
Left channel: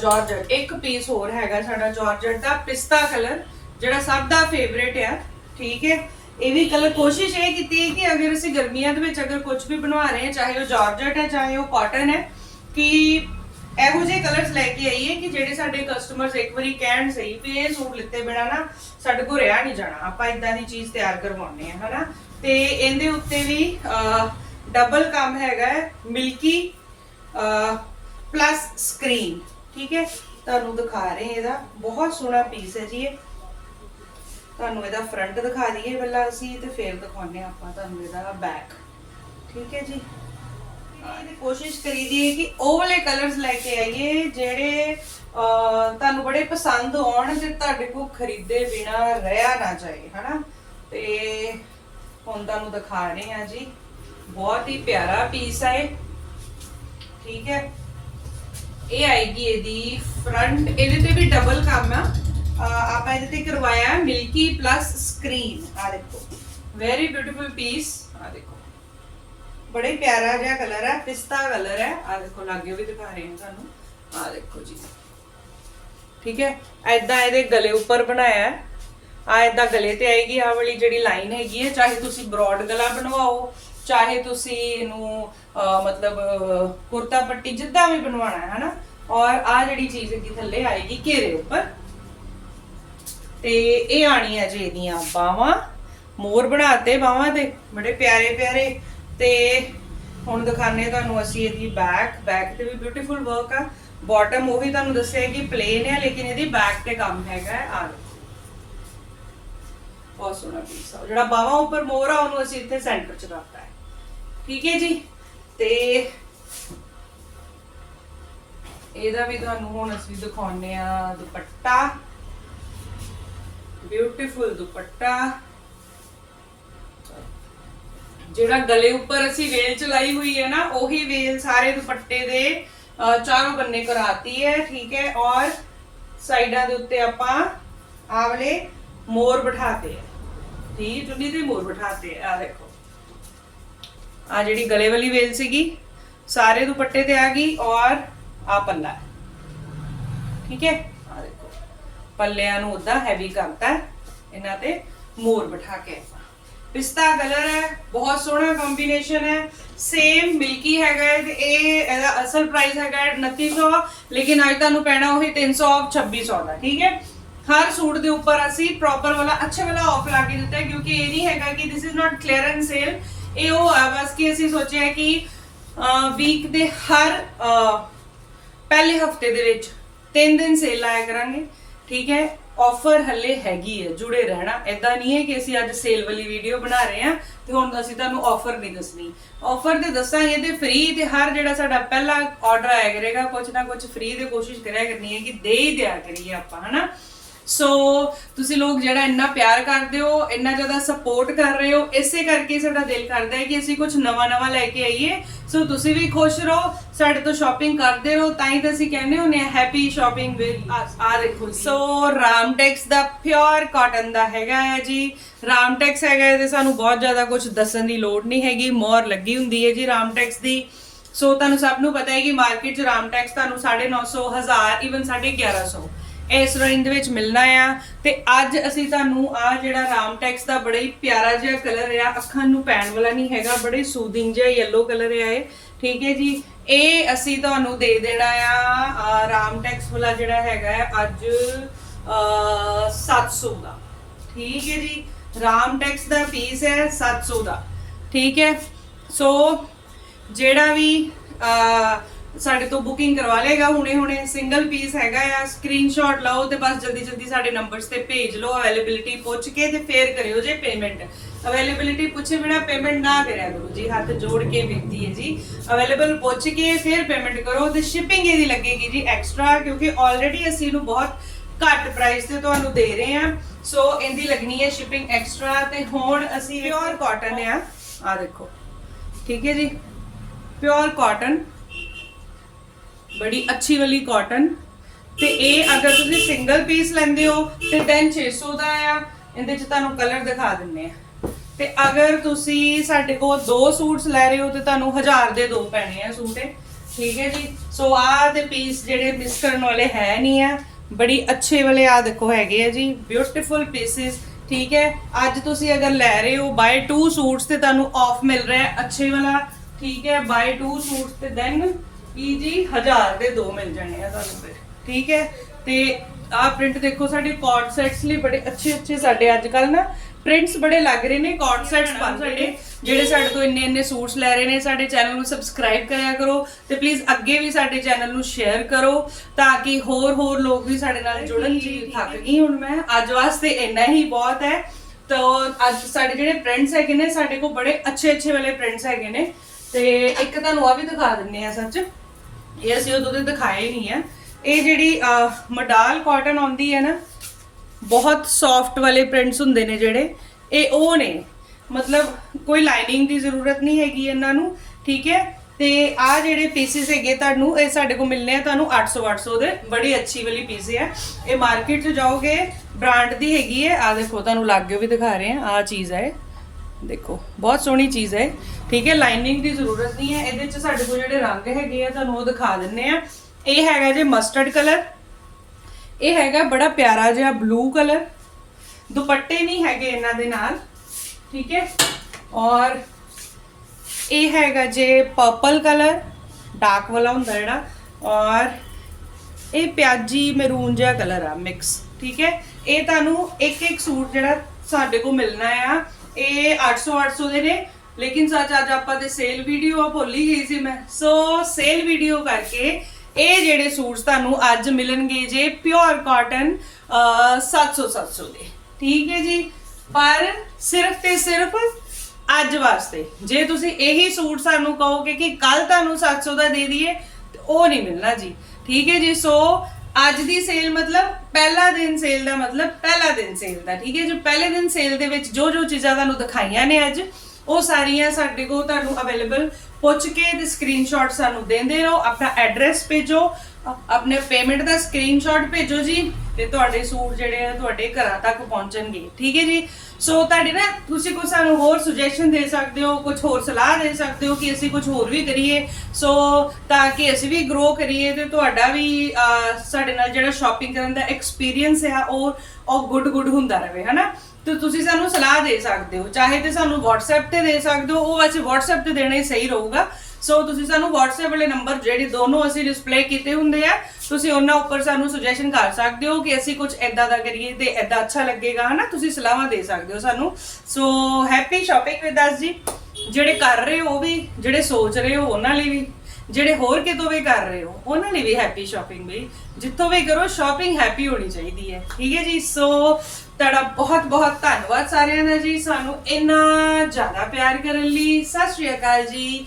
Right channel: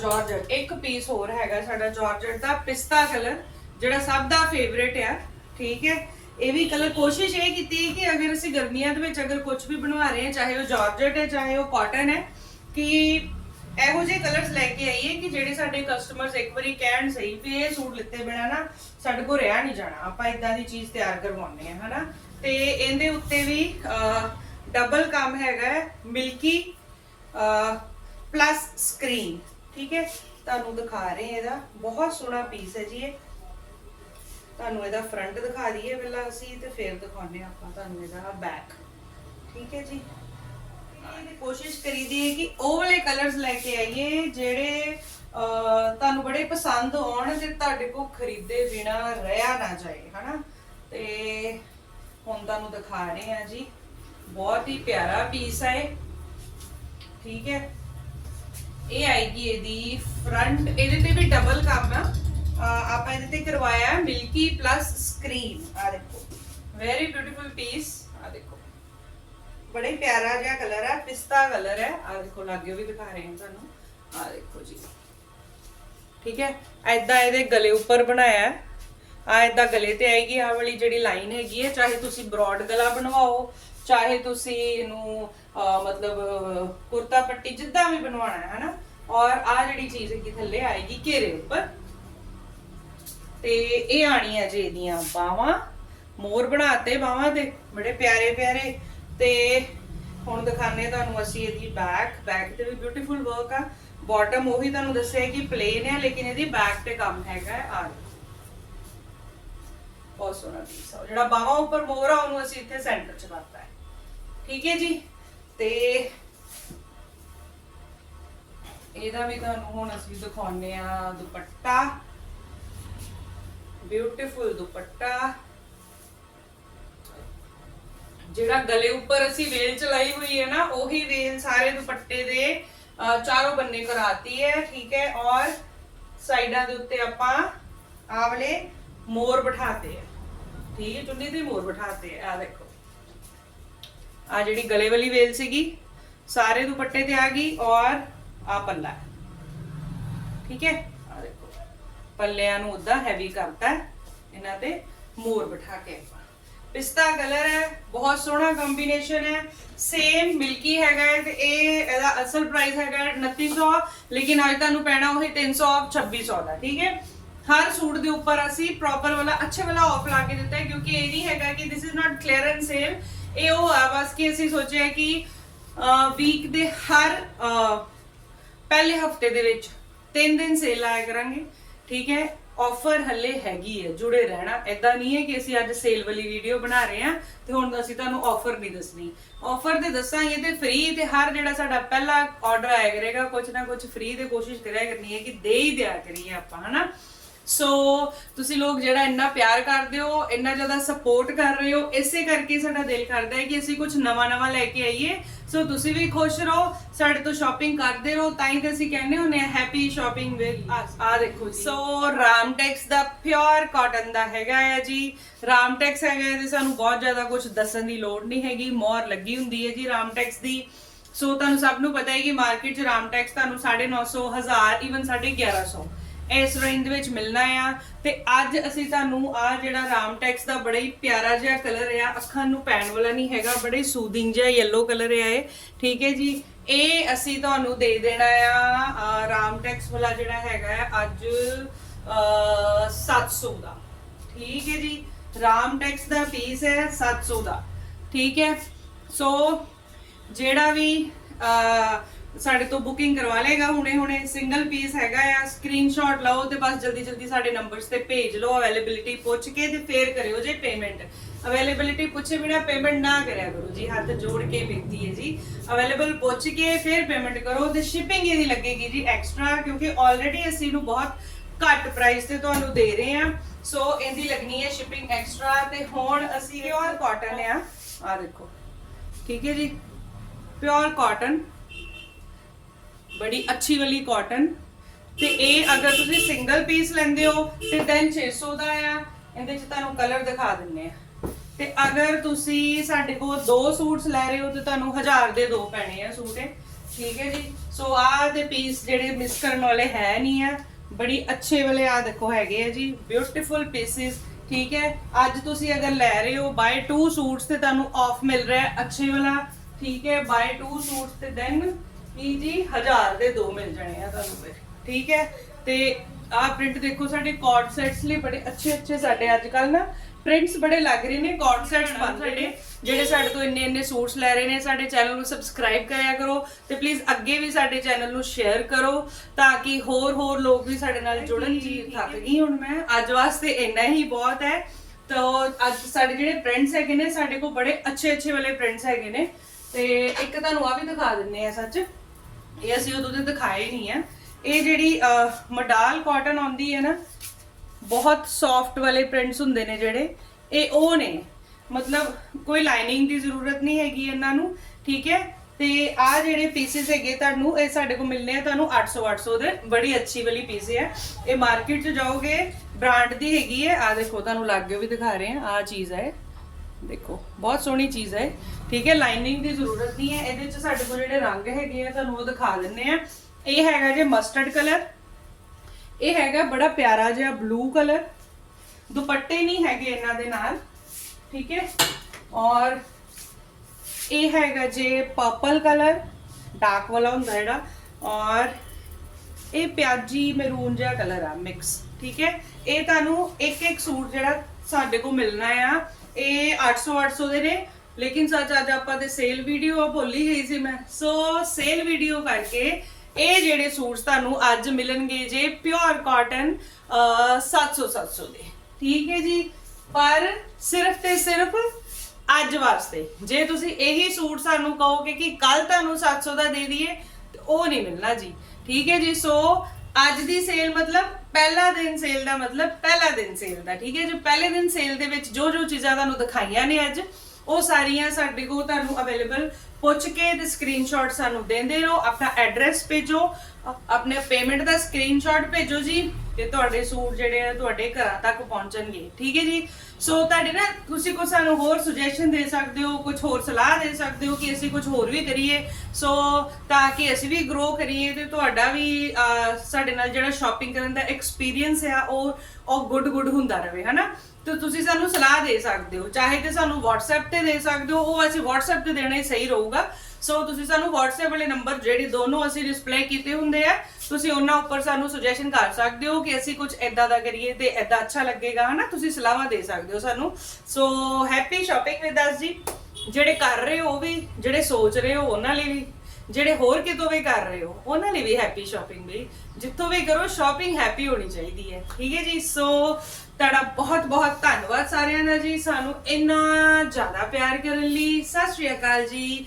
ਜਾਰਜਟ ਇੱਕ ਪੀਸ ਹੋਰ ਹੈਗਾ ਸਾਡਾ ਜਾਰਜਟ ਦਾ, ਪਿਸਤਾ ਕਲਰ ਜਿਹੜਾ ਸਭ ਦਾ ਫੇਵਰੇਟ ਹੈ ਠੀਕ ਹੈ? ਇਹ ਵੀ ਕਲਰ ਕੋਸ਼ਿਸ਼ ਇਹ ਕੀਤੀ ਹੈ ਕਿ ਅਗਰ ਅਸੀਂ ਗਰਮੀਆਂ ਦੇ ਵਿੱਚ ਅਗਰ ਕੁਝ ਵੀ ਬਣਵਾ ਰਹੇ ਹਾਂ, ਚਾਹੇ ਉਹ ਜਾਰਜਟ ਹੈ, ਚਾਹੇ ਉਹ ਕਾਟਨ ਹੈ ਕਿ ਇਹੋ ਜਿਹੇ ਕਲਰਸ ਲੈ ਕੇ ਆਈਏ ਕਿ ਜਿਹੜੇ ਸਾਡੇ ਕਸਟਮਰਸ ਇੱਕ ਵਾਰੀ ਕਹਿਣ ਸਹੀ ਵੀ ਇਹ ਸੂਟ ਲਿੱਤੇ ਬਿਨਾ ਨਾ ਸਾਡੇ ਕੋਲ ਰਿਹਾ ਨਹੀਂ ਜਾਣਾ। ਆਪਾਂ ਇਦਾਂ ਦੀ ਚੀਜ਼ ਤਿਆਰ ਕਰਵਾਉਂਦੇ ਆ ਹਨਾ? ਤੇ ਇਹਦੇ ਉੱਤੇ ਵੀ ਡਬਲ ਕੰਮ ਹੈਗਾ ਮਿਲਕੀ ਪਲੱਸ ਸਕਰੀਨ ਠੀਕ ਹੈ? ਤੁਹਾਨੂੰ ਦਿਖਾ ਰਹੇ ਹਾਂ ਇਹਦਾ। ਬਹੁਤ ਸੋਹਣਾ ਪੀਸ ਹੈ ਜੀ ਇਹ। ਤੁਹਾਨੂੰ ਇਹਦਾ ਫਰੰਟ ਦਿਖਾ ਦਈਏ ਪਹਿਲਾਂ ਅਸੀਂ ਤੇ ਫਿਰ ਦਿਖਾਉਂਦੇ ਆਪਾਂ ਤੁਹਾਨੂੰ ਇਹਦਾ ਬੈਕ ਠੀਕ ਹੈ ਜੀ? ਕੋਸ਼ਿਸ਼ ਕਰੀਦੀ ਹੈ ਕਿ ਉਹ ਵਾਲੇ ਕਲਰਸ ਲੈ ਕੇ ਆਈਏ ਜਿਹੜੇ ਤੁਹਾਨੂੰ ਬੜੇ ਪਸੰਦ ਆਉਣ ਤੇ ਤੁਹਾਡੇ ਕੋਲ ਖਰੀਦੇ ਬਿਨਾ ਰਹਿਆ ਨਾ ਜਾਏ, ਹਨਾ? ਤੇ ਹੁਣ ਤੁਹਾਨੂੰ ਦਿਖਾ ਰਹੇ ਹਾਂ ਜੀ। ਬਹੁਤ ਹੀ ਪਿਆਰਾ ਪੀਸ ਹੈ ਠੀਕ ਹੈ? ਇਹ ਆਏਗੀ ਇਹਦੀ ਫਰੰਟ ਇਹਦੇ ਤੇ ਵੀ ਡਬਲ ਕੰਮ ਆ। ਆਪਾਂ ਇਹਦੇ ਤੇ ਕਰਵਾਇਆ ਮਿਲਕੀ ਪਲੱਸ ਸਕਰੀਨ ਆ ਦੇਖੋ। ਵੈਰੀ ਬਿਊਟੀਫੁਲ ਪੀਸ ਬੜੇ ਪਿਆਰਾ ਜਿਹਾ ਕਲਰ ਹੈ ਪਿਸਤਾ ਕਲਰ ਹੈ। ਆ ਦੇਖੋ ਲਾਗੇ ਵੀ ਦਿਖਾ ਰਹੇ ਹਾਂ ਤੁਹਾਨੂੰ। ਆ ਦੇਖੋ ਜੀ। ਠੀਕ ਹੈ? ਐਦਾਂ ਇਹਦੇ ਗਲੇ ਉੱਪਰ ਬਣਾਇਆ ਹੈ। ਆ ਏਦਾਂ ਗਲੇ ਤੇ ਆਏਗੀ ਆ ਵਾਲੀ ਜਿਹੜੀ ਲਾਈਨ ਹੈਗੀ ਹੈ ਚਾਹੇ ਤੁਸੀਂ ਬ੍ਰੌਡ ਗਲਾ ਬਣਵਾਓ ਚਾਹੇ ਤੁਸੀਂ ਇਹਨੂੰ ਮਤਲਬ ਅਹ, ਕੁਰਤਾ ਪੱਟੀ ਜਿੱਦਾਂ ਵੀ ਬਣਵਾਉਣਾ ਹੈ ਹਨਾ? ਔਰ ਆ ਜਿਹੜੀ ਚੀਜ਼ ਹੈਗੀ ਥੱਲੇ ਆਏਗੀ ਘੇਰੇ ਉੱਪਰ। ਤੇ ਇਹ ਆਣੀ ਹੈ ਜੇ ਇਹਦੀਆਂ ਬਾਹਾਂ। ਮੋਰ ਬਣਾਤੇ ਬਾਹਾਂ ਤੇ ਬੜੇ ਪਿਆਰੇ ਪਿਆਰੇ ਤੇ ਹੁਣ ਦਿਖਾਣੇ ਤੁਹਾਨੂੰ ਅਸੀਂ ਇਹਦੀ ਬੈਕ ਬੈਕ ਤੇ ਵੀ ਬਿਊਟੀਫੁਲ ਵਰਕ ਆ। ਬਾਟਮ ਉਹੀ ਤੁਹਾਨੂੰ ਦੱਸਿਆ ਕਿ ਪਲੇਨ ਹੈ ਲੇਕਿਨ ਇਹਦੀ ਬੈਕ ਤੇ ਕੰਮ ਹੈਗਾ ਆ ਬਹੁਤ ਸੋਹਣਾ ਪੀਸ ਆ। ਜਿਹੜਾ ਬਾਹਾਂ ਉੱਪਰ ਮੋਰ ਆ, ਉਹਨੂੰ ਅਸੀਂ ਇੱਥੇ ਸੈਂਟਰ 'ਚ ਰੱਖਤਾ ਹੈ। ਠੀਕ ਹੈ ਜੀ? ਤੇ ਇਹਦਾ ਵੀ ਤੁਹਾਨੂੰ ਹੁਣ ਅਸੀਂ ਦਿਖਾਉਣੇ ਆ ਦੁਪੱਟਾ। ਬਿਊਟੀਫੁਲ ਦੁਪੱਟਾ। ਜਿਹੜਾ ਗਲੇ ਉੱਪਰ ਅਸੀਂ ਵੇਲ ਚਲਾਈ ਹੋਈ ਹੈ ਨਾ ਉਹੀ ਵੇਲ ਸਾਰੇ ਦੁਪੱਟੇ ਦੇ ਅਹ, ਚਾਰੋਂ ਬੰਨੇ ਕਰਾਤੀ ਹੈ ਠੀਕ ਹੈ? ਔਰ ਸਾਈਡਾਂ ਦੇ ਉੱਤੇ ਆਪਾਂ ਆਹ ਮੋਰ ਬਿਠਾਤੇ ਹੈ। ਠੀਕ ਚੁੰਨੀ ਤੇ ਮੋਰ ਬਿਠਾਤੇ ਆ ਦੇਖੋ। ਆ ਜਿਹੜੀ ਗਲੇ ਵਾਲੀ ਵੇਲ ਸੀਗੀ ਸਾਰੇ ਦੁਪੱਟੇ ਤੇ ਆ ਗਈ ਔਰ ਆ ਪੱਲਾ ਹੈ। ਠੀਕ ਹੈ? ਆ ਦੇਖੋ। ਪੱਲਿਆਂ ਨੂੰ ਉਦਾਂ ਹੈਵੀ ਕਰਤਾ ਹੈ। ਇਹਨਾਂ ਤੇ ਮੋਰ ਬਿਠਾ ਕੇ ਆਪਾਂ। ਪਿਸਤਾ ਕਲਰ ਹੈ, ਬਹੁਤ ਸੋਹਣਾ ਕੰਬੀਨੇਸ਼ਨ ਹੈ। ਸੇਮ ਮਿਲਕੀ ਹੈਗਾ ਤੇ ਇਹ, ਇਹਦਾ ਅਸਲ ਪ੍ਰਾਈਸ ਹੈਗਾ 2900 ਲੇਕਿਨ ਅੱਜ ਤੁਹਾਨੂੰ ਪੈਣਾ ਉਹੀ 300 2600 ਦਾ, ਠੀਕ ਹੈ? ਹਰ ਸੂਟ ਦੇ ਉੱਪਰ ਅਸੀਂ ਪ੍ਰੋਪਰ ਵਾਲਾ, ਅੱਛਾ ਵਾਲਾ ਆਫ ਲਾ ਕੇ ਦਿੱਤਾ ਕਿਉਂਕਿ ਇਹ ਨਹੀਂ ਹੈਗਾ ਕਿ this is not clearance sale ਇਹ ਉਹ ਆ, ਬਸ ਕਿ ਅਸੀਂ ਸੋਚਿਆ ਕਿ ਵੀਕ ਦੇ ਹਰ ਪਹਿਲੇ ਹਫ਼ਤੇ ਦੇ ਵਿੱਚ ਤਿੰਨ ਦਿਨ ਸੇਲ ਲਾਇਆ ਕਰਾਂਗੇ, ਠੀਕ ਹੈ? ਆਫਰ ਹੱਲੇ ਹੈਗੀ ਹੈ, ਜੁੜੇ ਰਹਿਣਾ। ਐਦਾਂ ਨਹੀਂ ਹੈ ਕਿ ਅਸੀਂ ਅੱਜ ਸੇਲ ਵਾਲੀ ਵੀਡੀਓ ਬਣਾ ਰਹੇ ਹਾਂ ਤੇ ਹੁਣ ਅਸੀਂ ਤੁਹਾਨੂੰ ਆਫਰ ਨਹੀਂ ਦੱਸਣੀ। ਆਫਰ ਤੇ ਦੱਸਾਂਗੇ ਤੇ ਫ੍ਰੀ ਤੇ ਹਰ ਜਿਹੜਾ ਸਾਡਾ ਪਹਿਲਾ ਆਰਡਰ ਆਇਆ ਕਰੇਗਾ ਕੁਝ ਨਾ ਕੁਝ ਫ੍ਰੀ ਦੇ ਕੋਸ਼ਿਸ਼ ਕਰਿਆ ਕਰਨੀ ਹੈ ਕਿ ਦੇ ਹੀ ਦਿਆ ਕਰੀਏ ਆਪਾਂ, ਹਨਾ? ਸੋ ਤੁਸੀਂ ਲੋਕ ਜਿਹੜਾ ਇੰਨਾ ਪਿਆਰ ਕਰਦੇ ਹੋ ਇੰਨਾ ਜ਼ਿਆਦਾ ਸਪੋਰਟ ਕਰ ਰਹੇ ਹੋ ਇਸੇ ਕਰਕੇ ਸਾਡਾ ਦਿਲ ਕਰਦਾ ਹੈ ਕਿ ਅਸੀਂ ਕੁਝ ਨਵਾਂ-ਨਵਾਂ ਲੈ ਕੇ ਆਈਏ। ਸੋ ਤੁਸੀਂ ਵੀ ਖੁਸ਼ ਰਹੋ ਸਾਡੇ ਤੋਂ ਸ਼ਾਪਿੰਗ ਕਰਦੇ ਰਹੋ ਤਾਂ ਹੀ ਤਾਂ ਅਸੀਂ ਕਹਿੰਦੇ ਹੁੰਦੇ ਆ ਹੈਪੀ ਸ਼ਾਪਿੰਗ ਵਿਦ ਆ ਦੇਖੋ ਜੀ। ਸੋ ਰਾਮਟੈਕਸ ਦਾ ਪਿਓਰ ਕਾਟਨ ਦਾ ਹੈਗਾ ਹੈ ਜੀ। ਰਾਮਟੈਕਸ ਹੈਗਾ ਇਹਦੇ ਸਾਨੂੰ ਬਹੁਤ ਜ਼ਿਆਦਾ ਕੁਝ ਦੱਸਣ ਦੀ ਲੋੜ ਨਹੀਂ ਹੈਗੀ ਮੋਹਰ ਲੱਗੀ ਹੁੰਦੀ ਹੈ ਜੀ ਰਾਮਟੈਕਸ ਦੀ। ਸੋ ਤੁਹਾਨੂੰ ਸਭ ਨੂੰ ਪਤਾ ਹੈ ਕਿ ਮਾਰਕੀਟ 'ਚ ਰਾਮਟੈਕਸ ਤੁਹਾਨੂੰ 950 1000 ਇਵਨ 1150 ਇਸ ਰੇਂਜ ਦੇ ਵਿੱਚ ਮਿਲਣਾ ਆ। ਤੇ ਅੱਜ ਅਸੀਂ ਤੁਹਾਨੂੰ ਆ ਜਿਹੜਾ ਰਾਮ ਟੈਕਸ ਦਾ ਬੜਾ ਹੀ ਪਿਆਰਾ ਜਿਹਾ ਕਲਰ ਆ ਅੱਖਾਂ ਨੂੰ ਪੈਣ ਵਾਲਾ ਨਹੀਂ ਹੈਗਾ ਬੜੇ ਸੂਦਿੰਗ ਜਿਹਾ ਯੈਲੋ ਕਲਰ ਆ ਇਹ। ਠੀਕ ਹੈ ਜੀ? ਇਹ ਅਸੀਂ ਤੁਹਾਨੂੰ ਦੇ ਦੇਣਾ ਆ ਰਾਮ ਟੈਕਸ ਵਾਲਾ ਜਿਹੜਾ ਹੈਗਾ ਅੱਜ ਅ, 700 ਦਾ। ਠੀਕ ਹੈ ਜੀ? ਰਾਮ ਟੈਕਸ ਦਾ ਪੀਸ ਹੈ 700 ਦਾ। ਠੀਕ ਹੈ? ਸੋ ਜਿਹੜਾ ਵੀ ਸਾਡੇ ਤੋਂ ਬੁਕਿੰਗ ਕਰਵਾ ਲੇਗਾ ਹੁਣੇ ਹੁਣੇ ਸਿੰਗਲ ਪੀਸ ਹੈਗਾ ਆ ਸਕਰੀਨਸ਼ਾਟ ਲਓ ਤੇ ਬਸ ਜਲਦੀ ਜਲਦੀ ਸਾਡੇ ਨੰਬਰਸ ਤੇ ਭੇਜ ਲਓ ਅਵੇਲੇਬਿਲਿਟੀ ਪੁੱਛ ਕੇ ਤੇ ਫੇਰ ਕਰਿਓ ਜੇ ਪੇਮੈਂਟ ਅਵੇਲੇਬਿਲਿਟੀ ਪੁੱਛੇ ਬਿਨਾ ਪੇਮੈਂਟ ਨਾ ਕਰਿਆ ਕਰੋ ਜੀ, ਹੱਥ ਜੋੜ ਕੇ ਬੇਨਤੀ ਹੈ ਜੀ। ਅਵੇਲੇਬਲ ਪੁੱਛ ਕੇ ਫਿਰ ਪੇਮੈਂਟ ਕਰੋ ਤੇ ਸ਼ਿਪਿੰਗ ਇਹਦੀ ਲੱਗੇਗੀ ਜੀ ਐਕਸਟਰਾ ਕਿਉਂਕਿ ਆਲਰੇਡੀ ਅਸੀਂ ਇਹਨੂੰ ਬਹੁਤ ਘੱਟ ਪ੍ਰਾਈਸ ਤੇ ਤੁਹਾਨੂੰ ਦੇ ਰਹੇ ਹਾਂ। ਸੋ ਇਹਦੀ ਲੱਗਣੀ ਹੈ ਸ਼ਿਪਿੰਗ ਐਕਸਟਰਾ ਤੇ ਹੁਣ ਅਸੀਂ ਪਿਓਰ ਕਾਟਨ ਆ। ਆ ਦੇਖੋ, ਠੀਕ ਹੈ ਜੀ? ਪਿਓਰ ਕਾਟਨ ਬੜੀ ਅੱਛੀ ਵਾਲੀ ਕਾਟਨ ਤੇ ਇਹ ਅਗਰ ਤੁਸੀਂ ਸਿੰਗਲ ਪੀਸ ਲੈਂਦੇ ਹੋ, ਤੇ then 600 ਦਾ ਆ। ਇਹਦੇ ਚ ਤੁਹਾਨੂੰ ਕਲਰ ਦਿਖਾ ਦਿੰਨੇ ਆ। ਤੇ ਅਗਰ ਤੁਸੀਂ ਸਾਡੇ ਕੋਲ ਦੋ ਸੂਟਸ ਲੈ ਰਹੇ ਹੋ, ਤੇ ਤੁਹਾਨੂੰ 1000 ਦੇ ਦੋ ਪੈਣੇ ਆ ਸੂਟ ਠੀਕ ਹੈ ਜੀ? ਸੋ ਆਹ ਤੇ ਪੀਸ ਜਿਹੜੇ ਮਿਸ ਕਰਨ ਵਾਲੇ ਹੈ ਨਹੀਂ ਆ। ਬੜੀ ਅੱਛੇ ਵਾਲੇ ਆ ਦੇਖੋ ਹੈਗੇ ਆ ਜੀ। ਬਿਊਟੀਫੁਲ ਪੀਸਿਸ ਠੀਕ ਹੈ? ਅੱਜ ਤੁਸੀਂ ਅਗਰ ਲੈ ਰਹੇ ਹੋ ਬਾਏ 2 ਸੂਟਸ ਤੇ ਤੁਹਾਨੂੰ ਆਫ ਮਿਲ ਰਿਹਾ ਹੈ। ਅੱਛੇ ਵਾਲਾ। ਠੀਕ ਹੈ? ਬਾਏ 2 ਸੂਟਸ ਤੇ ਦੈਨ ਕੀ ਜੀ? 1000 ਦੇ ਦੋ ਮਿਲ ਜਾਣੇ ਆ ਤੁਹਾਨੂੰ ਫਿਰ। ਠੀਕ ਹੈ? ਤੇ ਆਹ ਪ੍ਰਿੰਟ ਦੇਖੋ ਸਾਡੇ ਕਾਰਡ ਸੈਟਸ ਲਈ ਬੜੇ ਅੱਛੇ ਅੱਛੇ ਸਾਡੇ ਅੱਜ ਕੱਲ ਨਾ ਪ੍ਰਿੰਟਸ ਬੜੇ ਲੱਗ ਰਹੇ ਨੇ ਕਾਰਡ ਸੈਟਸ ਬਣ ਰਹੇ ਨੇ। ਜਿਹੜੇ ਸਾਡੇ ਤੋਂ ਇੰਨੇ ਇੰਨੇ ਸੂਟਸ ਲੈ ਰਹੇ ਨੇ ਸਾਡੇ ਚੈਨਲ ਨੂੰ ਸਬਸਕ੍ਰਾਈਬ ਕਰਿਆ ਕਰੋ ਤੇ ਪਲੀਜ਼ ਅੱਗੇ ਵੀ ਸਾਡੇ ਚੈਨਲ ਨੂੰ ਸ਼ੇਅਰ ਕਰੋ ਤਾਂ ਕਿ ਹੋਰ ਹੋਰ ਲੋਕ ਵੀ ਸਾਡੇ ਨਾਲ ਜੁੜਨ। ਜੀ। ਥੱਕ ਗਈ ਹੁਣ ਮੈਂ। ਅੱਜ ਵਾਸਤੇ ਇੰਨਾ ਹੀ ਬਹੁਤ ਹੈ। ਤਾਂ ਅੱਜ ਸਾਡੇ ਜਿਹੜੇ ਪ੍ਰਿੰਟਸ ਹੈਗੇ ਨੇ ਸਾਡੇ ਕੋਲ ਬੜੇ ਅੱਛੇ ਅੱਛੇ ਵਾਲੇ ਪ੍ਰਿੰਟਸ ਹੈਗੇ ਨੇ। ਤੇ ਇੱਕ ਤੁਹਾਨੂੰ ਆ ਵੀ ਦਿਖਾ ਦਿੰਨੇ ਆ ਸੱਚ। ਇਹ ਅਸੀਂ ਉਦੋਂ ਦੇ ਦਿਖਾਏ ਨਹੀਂ ਆ। ਇਹ ਜਿਹੜੀ ਮਡਾਲ ਕਾਟਨ ਆਉਂਦੀ ਹੈ ਨਾ, ਬਹੁਤ ਸੌਫਟ ਵਾਲੇ ਪ੍ਰਿੰਟਸ ਹੁੰਦੇ ਨੇ ਜਿਹੜੇ, ਇਹ ਉਹ ਨੇ। ਮਤਲਬ ਕੋਈ ਲਾਈਨਿੰਗ ਦੀ ਜ਼ਰੂਰਤ ਨਹੀਂ ਹੈਗੀ ਇਹਨਾਂ ਨੂੰ, ਠੀਕ ਹੈ? ਤੇ ਆ ਜਿਹੜੇ ਪੀਸਿਸ ਹੈਗੇ ਤੁਹਾਨੂੰ, ਇਹ ਸਾਡੇ ਕੋਲ ਮਿਲਨੇ ਆ ਤੁਹਾਨੂੰ 800 800 ਦੇ। ਬੜੀ ਅੱਛੀ ਵਾਲੀ ਪੀਸ ਹੈ। ਇਹ ਮਾਰਕੀਟ 'ਚ ਜਾਓਗੇ ਬ੍ਰਾਂਡ ਦੀ ਹੈਗੀ ਹੈ। ਆ ਦੇਖੋ, ਤੁਹਾਨੂੰ ਲਾਗੇ ਵੀ ਦਿਖਾ ਰਹੇ ਆ ਆ ਚੀਜ਼ ਹੈ। ਦੇਖੋ, ਬਹੁਤ ਸੋਹਣੀ ਚੀਜ਼ ਹੈ। ਠੀਕ ਹੈ ਲਾਈਨਿੰਗ ਦੀ ਜ਼ਰੂਰਤ ਨਹੀਂ ਹੈ, ਇਹਦੇ 'ਚ ਸਾਡੇ ਕੋਲ ਜਿਹੜੇ ਰੰਗ ਹੈਗੇ ਆ, ਤੁਹਾਨੂੰ ਉਹ ਦਿਖਾ ਦਿੰਨੇ ਆ ਇਹ ਹੈਗਾ ਜੀ ਮਸਟਰਡ ਕਲਰ ਇਹ ਹੈਗਾ ਬੜਾ ਪਿਆਰਾ ਜਿਹਾ ਬਲੂ ਕਲਰ ਦੁਪੱਟੇ ਨਹੀਂ ਹੈਗੇ ਇਹਨਾਂ ਦੇ ਨਾਲ, ਠੀਕ ਹੈ। ਔਰ ਇਹ ਹੈਗਾ ਜੇ ਪਰਪਲ ਕਲਰ ਡਾਰਕ ਵਾਲਾ ਹੁੰਦਾ ਜਿਹੜਾ। ਔਰ ਇਹ ਪਿਆਜੀ ਮੈਰੂਨ ਜਿਹਾ ਕਲਰ ਆ ਮਿਕਸ ਠੀਕ ਹੈ। ਇਹ ਤੁਹਾਨੂੰ ਇੱਕ ਇੱਕ ਸੂਟ ਜਿਹੜਾ ਸਾਡੇ ਕੋਲ ਮਿਲਣਾ ਆ, ਇਹ 800 800 ਦੇ ਨੇ। ਲੇਕਿਨ ਸੱਚ ਅੱਜ ਆਪਾਂ ਤੇ ਸੇਲ ਵੀਡੀਓ ਆ, ਭੁੱਲ ਹੀ ਗਈ ਸੀ ਮੈਂ। ਸੋ ਸੇਲ ਵੀਡੀਓ ਕਰਕੇ ਇਹ ਜਿਹੜੇ ਸੂਟਸ ਤੁਹਾਨੂੰ ਅੱਜ ਮਿਲਣਗੇ ਜੇ ਪਿਓਰ ਕਾਟਨ 700 700 ਦੇ। ਠੀਕ ਹੈ ਜੀ? ਪਰ ਸਿਰਫ ਤੇ ਸਿਰਫ ਅੱਜ ਵਾਸਤੇ। ਜੇ ਤੁਸੀਂ ਇਹੀ ਸੂਟ ਸਾਨੂੰ ਕਹੋਗੇ ਕਿ ਕੱਲ ਤੁਹਾਨੂੰ 700 ਦਾ ਦੇ ਦਈਏ, ਤੇ ਉਹ ਨਹੀਂ ਮਿਲਣਾ ਜੀ। ਠੀਕ ਹੈ ਜੀ? ਸੋ ਅੱਜ ਦੀ ਸੇਲ ਮਤਲਬ ਪਹਿਲਾ ਦਿਨ ਸੇਲ ਦਾ ਮਤਲਬ ਪਹਿਲਾ ਦਿਨ ਸੇਲ ਦਾ। ਠੀਕ ਹੈ ਜੋ? ਪਹਿਲੇ ਦਿਨ ਸੇਲ ਦੇ ਵਿੱਚ ਜੋ ਜੋ ਚੀਜ਼ਾਂ ਤੁਹਾਨੂੰ ਦਿਖਾਈਆਂ ਨੇ ਅੱਜ ਉਹ ਸਾਰੀਆਂ ਸਾਡੇ ਕੋਲ ਤੁਹਾਨੂੰ ਅਵੇਲੇਬਲ ਪੁੱਛ ਕੇ ਤੇ ਸਕਰੀਨਸ਼ਾਟ ਸਾਨੂੰ ਦਿੰਦੇ ਰਹੋ, ਆਪਣਾ ਐਡਰੈਸ ਭੇਜੋ, ਆਪਣੇ ਪੇਮੈਂਟ ਦਾ ਸਕਰੀਨਸ਼ਾਟ ਭੇਜੋ ਜੀ, ਤੇ ਤੁਹਾਡੇ ਸੂਟ ਜਿਹੜੇ ਆ ਤੁਹਾਡੇ ਘਰਾਂ ਤੱਕ ਪਹੁੰਚਣਗੇ। ਠੀਕ ਹੈ ਜੀ? ਸੋ ਤੁਹਾਡੇ ਨਾ ਤੁਸੀਂ ਕੁਝ ਸਾਨੂੰ ਹੋਰ ਸੁਜੈਸ਼ਨ ਦੇ ਸਕਦੇ ਹੋ ਕੁਝ ਹੋਰ ਸਲਾਹ ਦੇ ਸਕਦੇ ਹੋ ਕਿ ਅਸੀਂ ਕੁਝ ਹੋਰ ਵੀ ਕਰੀਏ। ਸੋ ਤਾਂ ਕਿ ਅਸੀਂ ਵੀ ਗਰੋ ਕਰੀਏ ਤੇ ਤੁਹਾਡਾ ਵੀ ਸਾਡੇ ਨਾਲ ਜਿਹੜਾ ਸ਼ਾਪਿੰਗ ਕਰਨ ਦਾ ਐਕਸਪੀਰੀਅੰਸ ਆ, ਉਹ ਉਹ ਗੁੱਡ ਗੁੱਡ ਹੁੰਦਾ ਰਹੇ, ਹਨਾ? ਤੇ ਤੁਸੀਂ ਸਾਨੂੰ ਸਲਾਹ ਦੇ ਸਕਦੇ ਹੋ। ਚਾਹੇ ਤੇ ਸਾਨੂੰ WhatsApp ਤੇ ਦੇ ਸਕਦੇ ਹੋ, ਉਹ ਅਸੀਂ WhatsApp ਤੇ ਦੇਣਾ ਹੀ ਸਹੀ ਰਹੂਗਾ। ਸੋ ਤੁਸੀਂ ਸਾਨੂੰ WhatsApp ਵਾਲੇ ਨੰਬਰ ਜਿਹੜੇ ਦੋਨੋਂ ਅਸੀਂ ਡਿਸਪਲੇ ਕੀਤੇ ਹੁੰਦੇ ਆ, ਤੁਸੀਂ ਉਹਨਾਂ ਉੱਪਰ ਸਾਨੂੰ ਸੁਜੈਸ਼ਨ ਕਰ ਸਕਦੇ ਹੋ ਕਿ ਅਸੀਂ ਕੁਝ ਐਦਾਂ ਦਾ ਕਰੀਏ ਤੇ ਐਦਾਂ ਅੱਛਾ ਲੱਗੇਗਾ, ਹਨਾ? ਤੁਸੀਂ ਸਲਾਹਾਂ ਦੇ ਸਕਦੇ ਹੋ ਸਾਨੂੰ। So happy shopping with us ਜੀ। ਜਿਹੜੇ ਕਰ ਰਹੇ ਹੋ ਵੀ, ਜਿਹੜੇ ਸੋਚ ਰਹੇ ਹੋ ਉਹਨਾਂ ਲਈ ਵੀ। ਜਿਹੜੇ ਹੋਰ ਕਿਤੋਂ ਵੀ ਕਰ ਰਹੇ ਹੋ, ਉਹਨਾਂ ਲਈ ਵੀ ਹੈਪੀ ਸ਼ਾਪਿੰਗ ਵੀ ਜਿੱਥੋਂ ਵੀ ਕਰੋ ਸ਼ਾਪਿੰਗ ਹੈਪੀ ਹੋਣੀ ਚਾਹੀਦੀ ਹੈ। ਠੀਕ ਹੈ ਜੀ? ਸੋ ਤੁਹਾਡਾ ਬਹੁਤ ਬਹੁਤ ਧੰਨਵਾਦ ਸਾਰਿਆਂ ਦਾ ਜੀ। ਸਾਨੂੰ ਇੰਨਾ ਜ਼ਿਆਦਾ ਪਿਆਰ ਕਰਨ ਲਈ। ਸਤਿ ਸ਼੍ਰੀ ਅਕਾਲ ਜੀ।